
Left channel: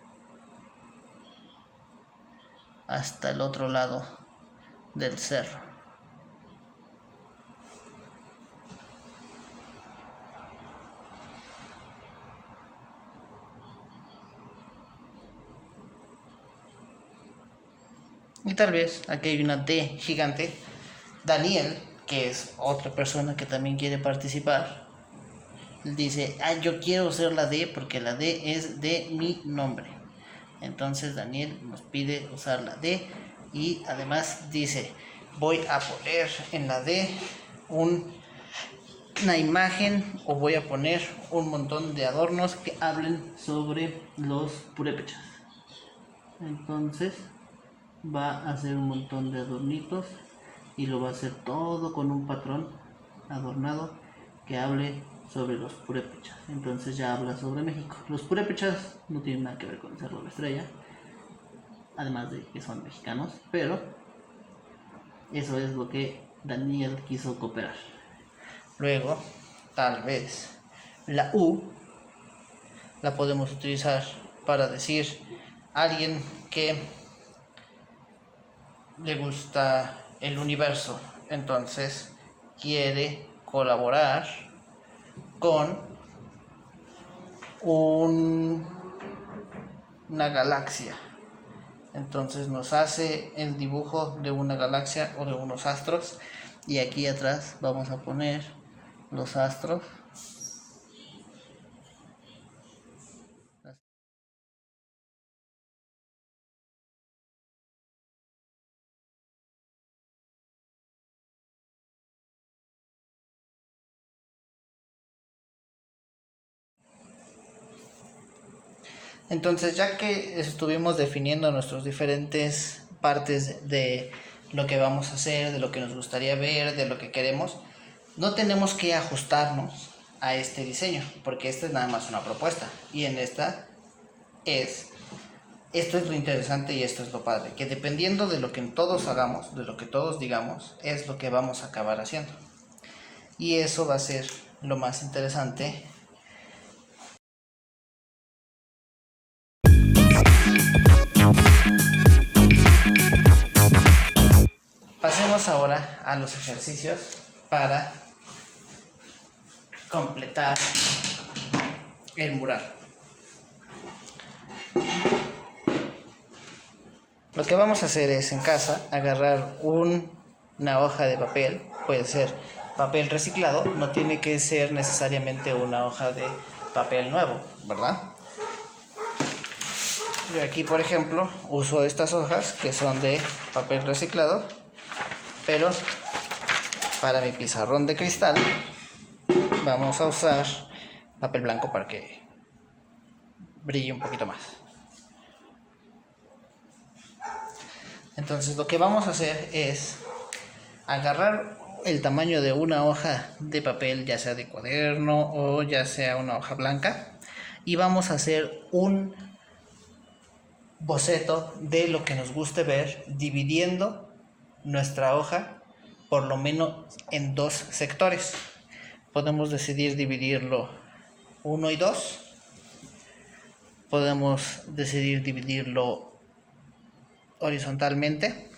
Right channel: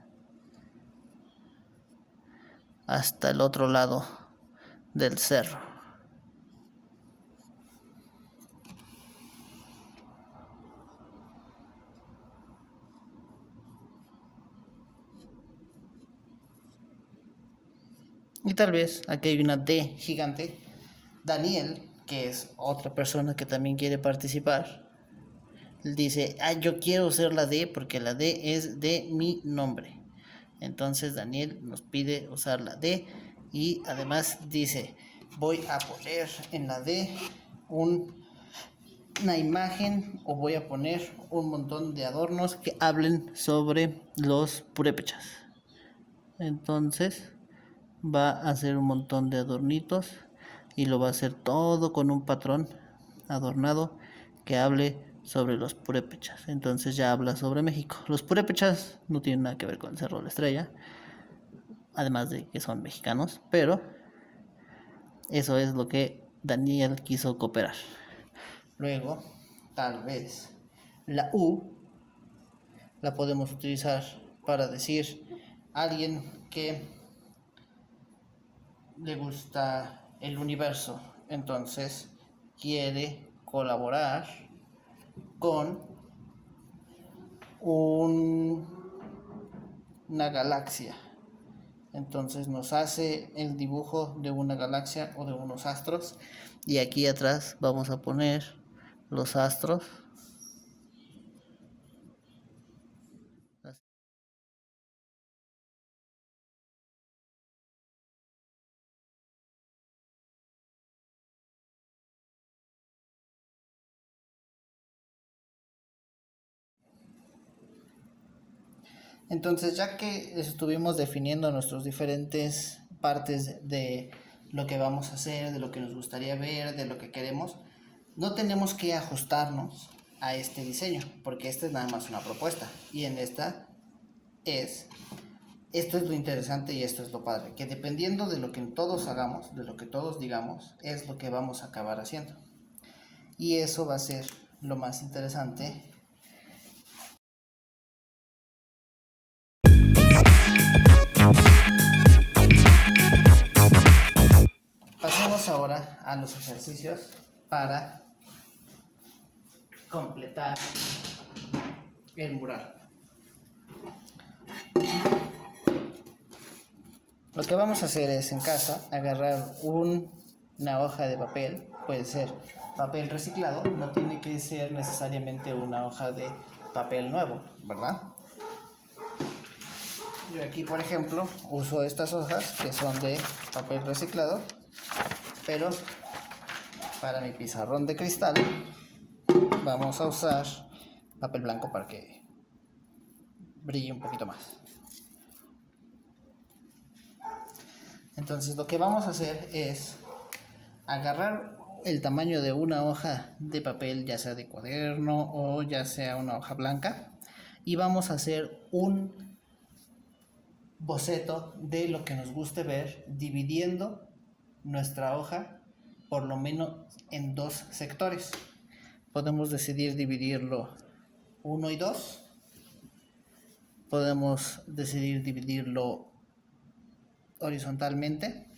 hasta el otro lado del cerro. Y tal vez aquí hay una D gigante. Daniel, que es otra persona que también quiere participar, dice, yo quiero usar la D porque la D es de mi nombre. Entonces Daniel nos pide usar la D y además dice, voy a poner en la D una imagen o voy a poner un montón de adornos que hablen sobre los purépechas. Entonces va a hacer un montón de adornitos y lo va a hacer todo con un patrón adornado que hable sobre los purépechas. Entonces ya habla sobre México. Los purépechas no tienen nada que ver con el Cerro de la Estrella, además de que son mexicanos, pero eso es lo que Daniel quiso cooperar. Luego, tal vez la U la podemos utilizar para decir a alguien que le gusta el universo, entonces quiere colaborar con una galaxia. Entonces nos hace el dibujo de una galaxia o de unos astros y aquí atrás vamos a poner los astros. Entonces, ya que estuvimos definiendo nuestras diferentes partes de lo que vamos a hacer, de lo que nos gustaría ver, de lo que queremos, no tenemos que ajustarnos a este diseño, porque esta es nada más una propuesta. Y en esto es lo interesante y esto es lo padre, que dependiendo de lo que todos hagamos, de lo que todos digamos, es lo que vamos a acabar haciendo. Y eso va a ser lo más interesante. Pasemos ahora a los ejercicios para completar el mural. Lo que vamos a hacer es en casa agarrar una hoja de papel, puede ser papel reciclado, no tiene que ser necesariamente una hoja de papel nuevo, ¿verdad? Yo aquí, por ejemplo, uso estas hojas que son de papel reciclado, pero para mi pizarrón de cristal vamos a usar papel blanco para que brille un poquito más. Entonces lo que vamos a hacer es agarrar el tamaño de una hoja de papel, ya sea de cuaderno o ya sea una hoja blanca, y vamos a hacer un boceto de lo que nos guste ver, dividiendo nuestra hoja por lo menos en dos sectores. Podemos decidir dividirlo 1 y 2. Podemos decidir dividirlo horizontalmente.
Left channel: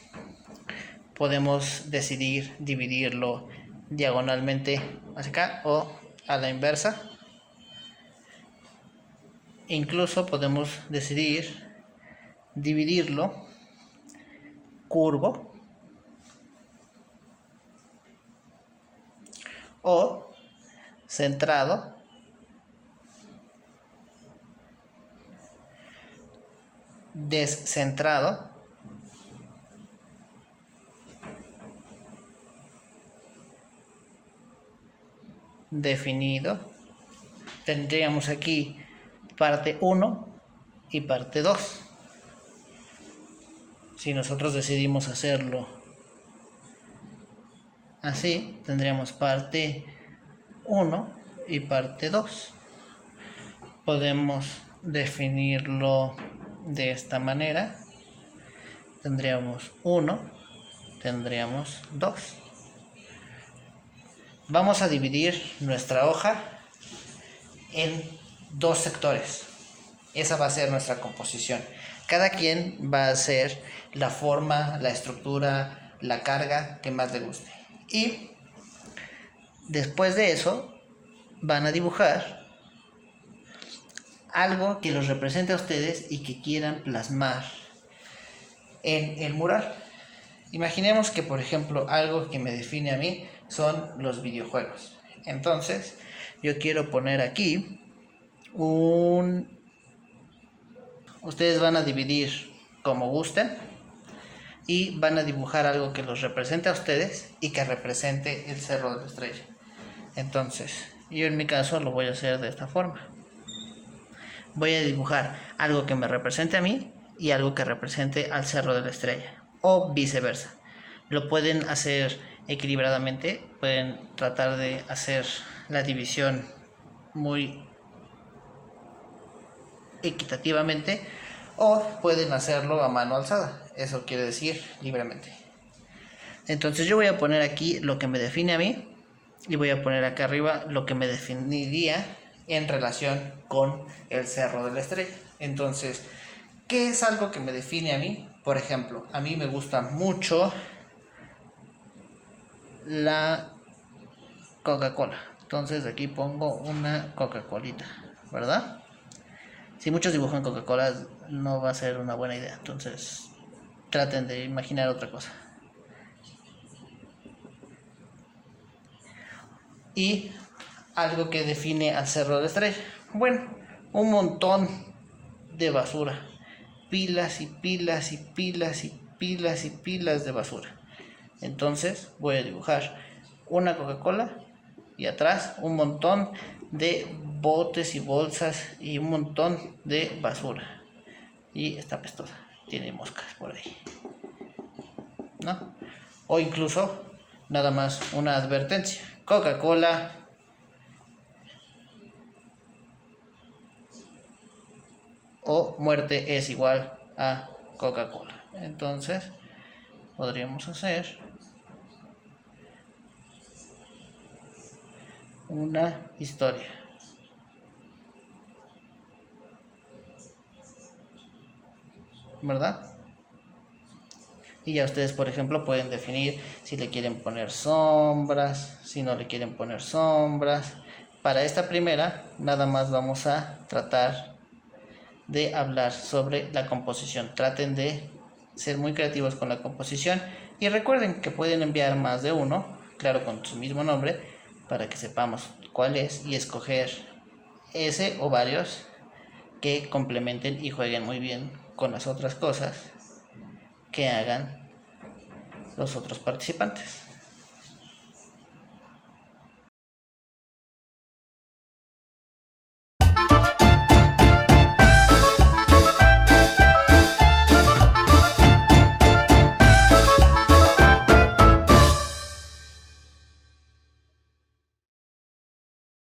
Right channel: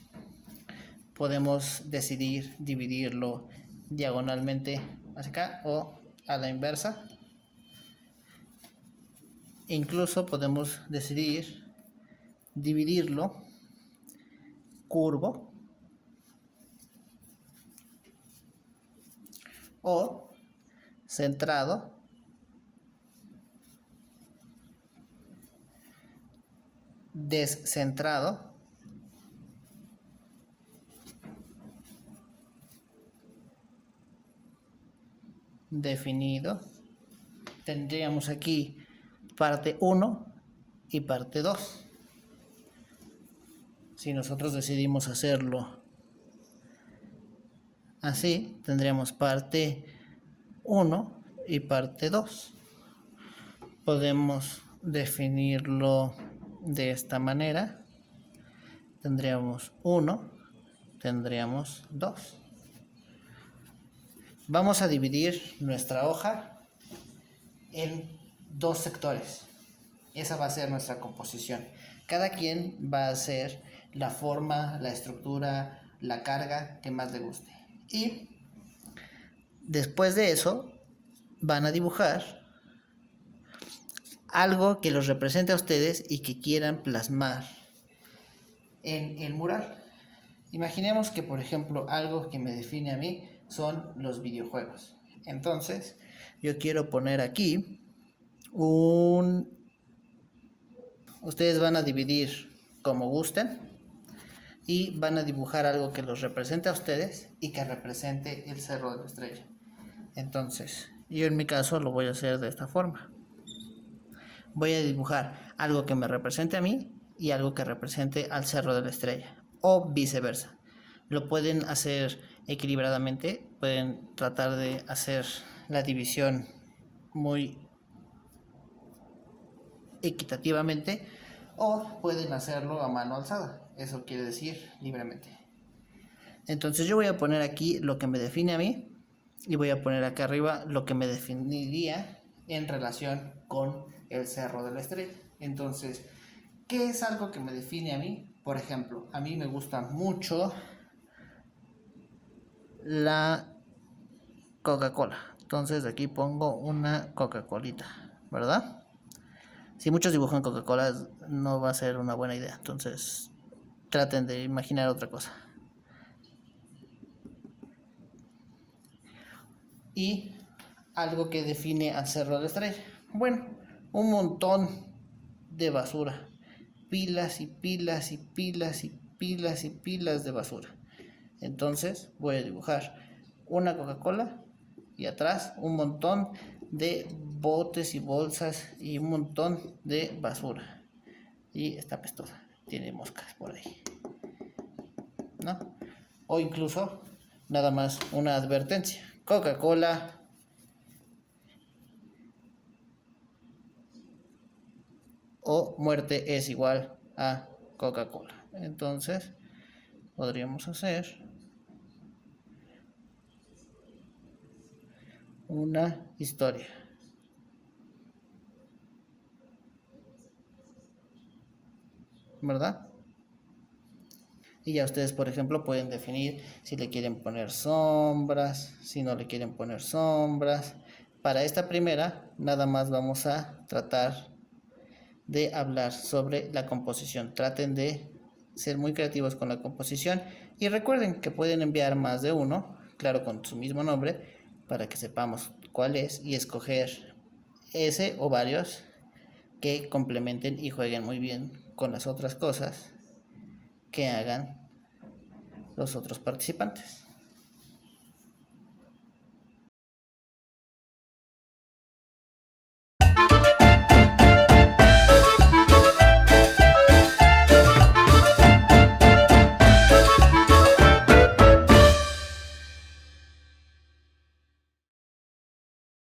Podemos decidir dividirlo diagonalmente hacia acá o a la inversa. Incluso podemos decidir dividirlo curvo o centrado descentrado definido. Tendríamos aquí parte 1 y parte 2. Si nosotros decidimos hacerlo así, tendríamos parte 1 y parte 2. Podemos definirlo de esta manera. Tendríamos 1, tendríamos 2. Vamos a dividir nuestra hoja en 2 sectores. Esa va a ser nuestra composición. Cada quien va a hacer la forma, la estructura, la carga que más le guste. Y después de eso van a dibujar algo que los represente a ustedes y que quieran plasmar en el mural. Imaginemos que, por ejemplo, algo que me define a mí son los videojuegos. Entonces, yo quiero poner aquí Ustedes van a dividir como gusten y van a dibujar algo que los represente a ustedes y que represente el Cerro de la Estrella. Entonces, yo en mi caso lo voy a hacer de esta forma. Voy a dibujar algo que me represente a mí y algo que represente al Cerro de la Estrella, o viceversa. Lo pueden hacer equilibradamente, pueden tratar de hacer la división muy equitativamente, o pueden hacerlo a mano alzada, eso quiere decir libremente. Entonces yo voy a poner aquí lo que me define a mí y voy a poner acá arriba lo que me definiría en relación con el Cerro de la Estrella. Entonces, ¿qué es algo que me define a mí? Por ejemplo, a mí me gusta mucho la Coca-Cola. Entonces aquí pongo una Coca-Colita, ¿verdad? Si muchos dibujan Coca-Cola no va a ser una buena idea. Entonces traten de imaginar otra cosa. Y algo que define al Cerro de la Estrella. Bueno, un montón de basura. Pilas y pilas y pilas y pilas y pilas de basura. Entonces voy a dibujar una Coca-Cola y atrás un montón de botes y bolsas y un montón de basura. Y está apestosa, tiene moscas por ahí, ¿no? O incluso nada más una advertencia: Coca-Cola o muerte es igual a Coca-Cola. Entonces podríamos hacer una historia, ¿verdad? Y ya ustedes, por ejemplo, pueden definir si le quieren poner sombras, si no le quieren poner sombras. Para esta primera, nada más vamos a tratar de hablar sobre la composición. Traten de ser muy creativos con la composición y recuerden que pueden enviar más de uno, claro, con su mismo nombre, para que sepamos cuál es y escoger ese o varios que complementen y jueguen muy bien con las otras cosas que hagan los otros participantes.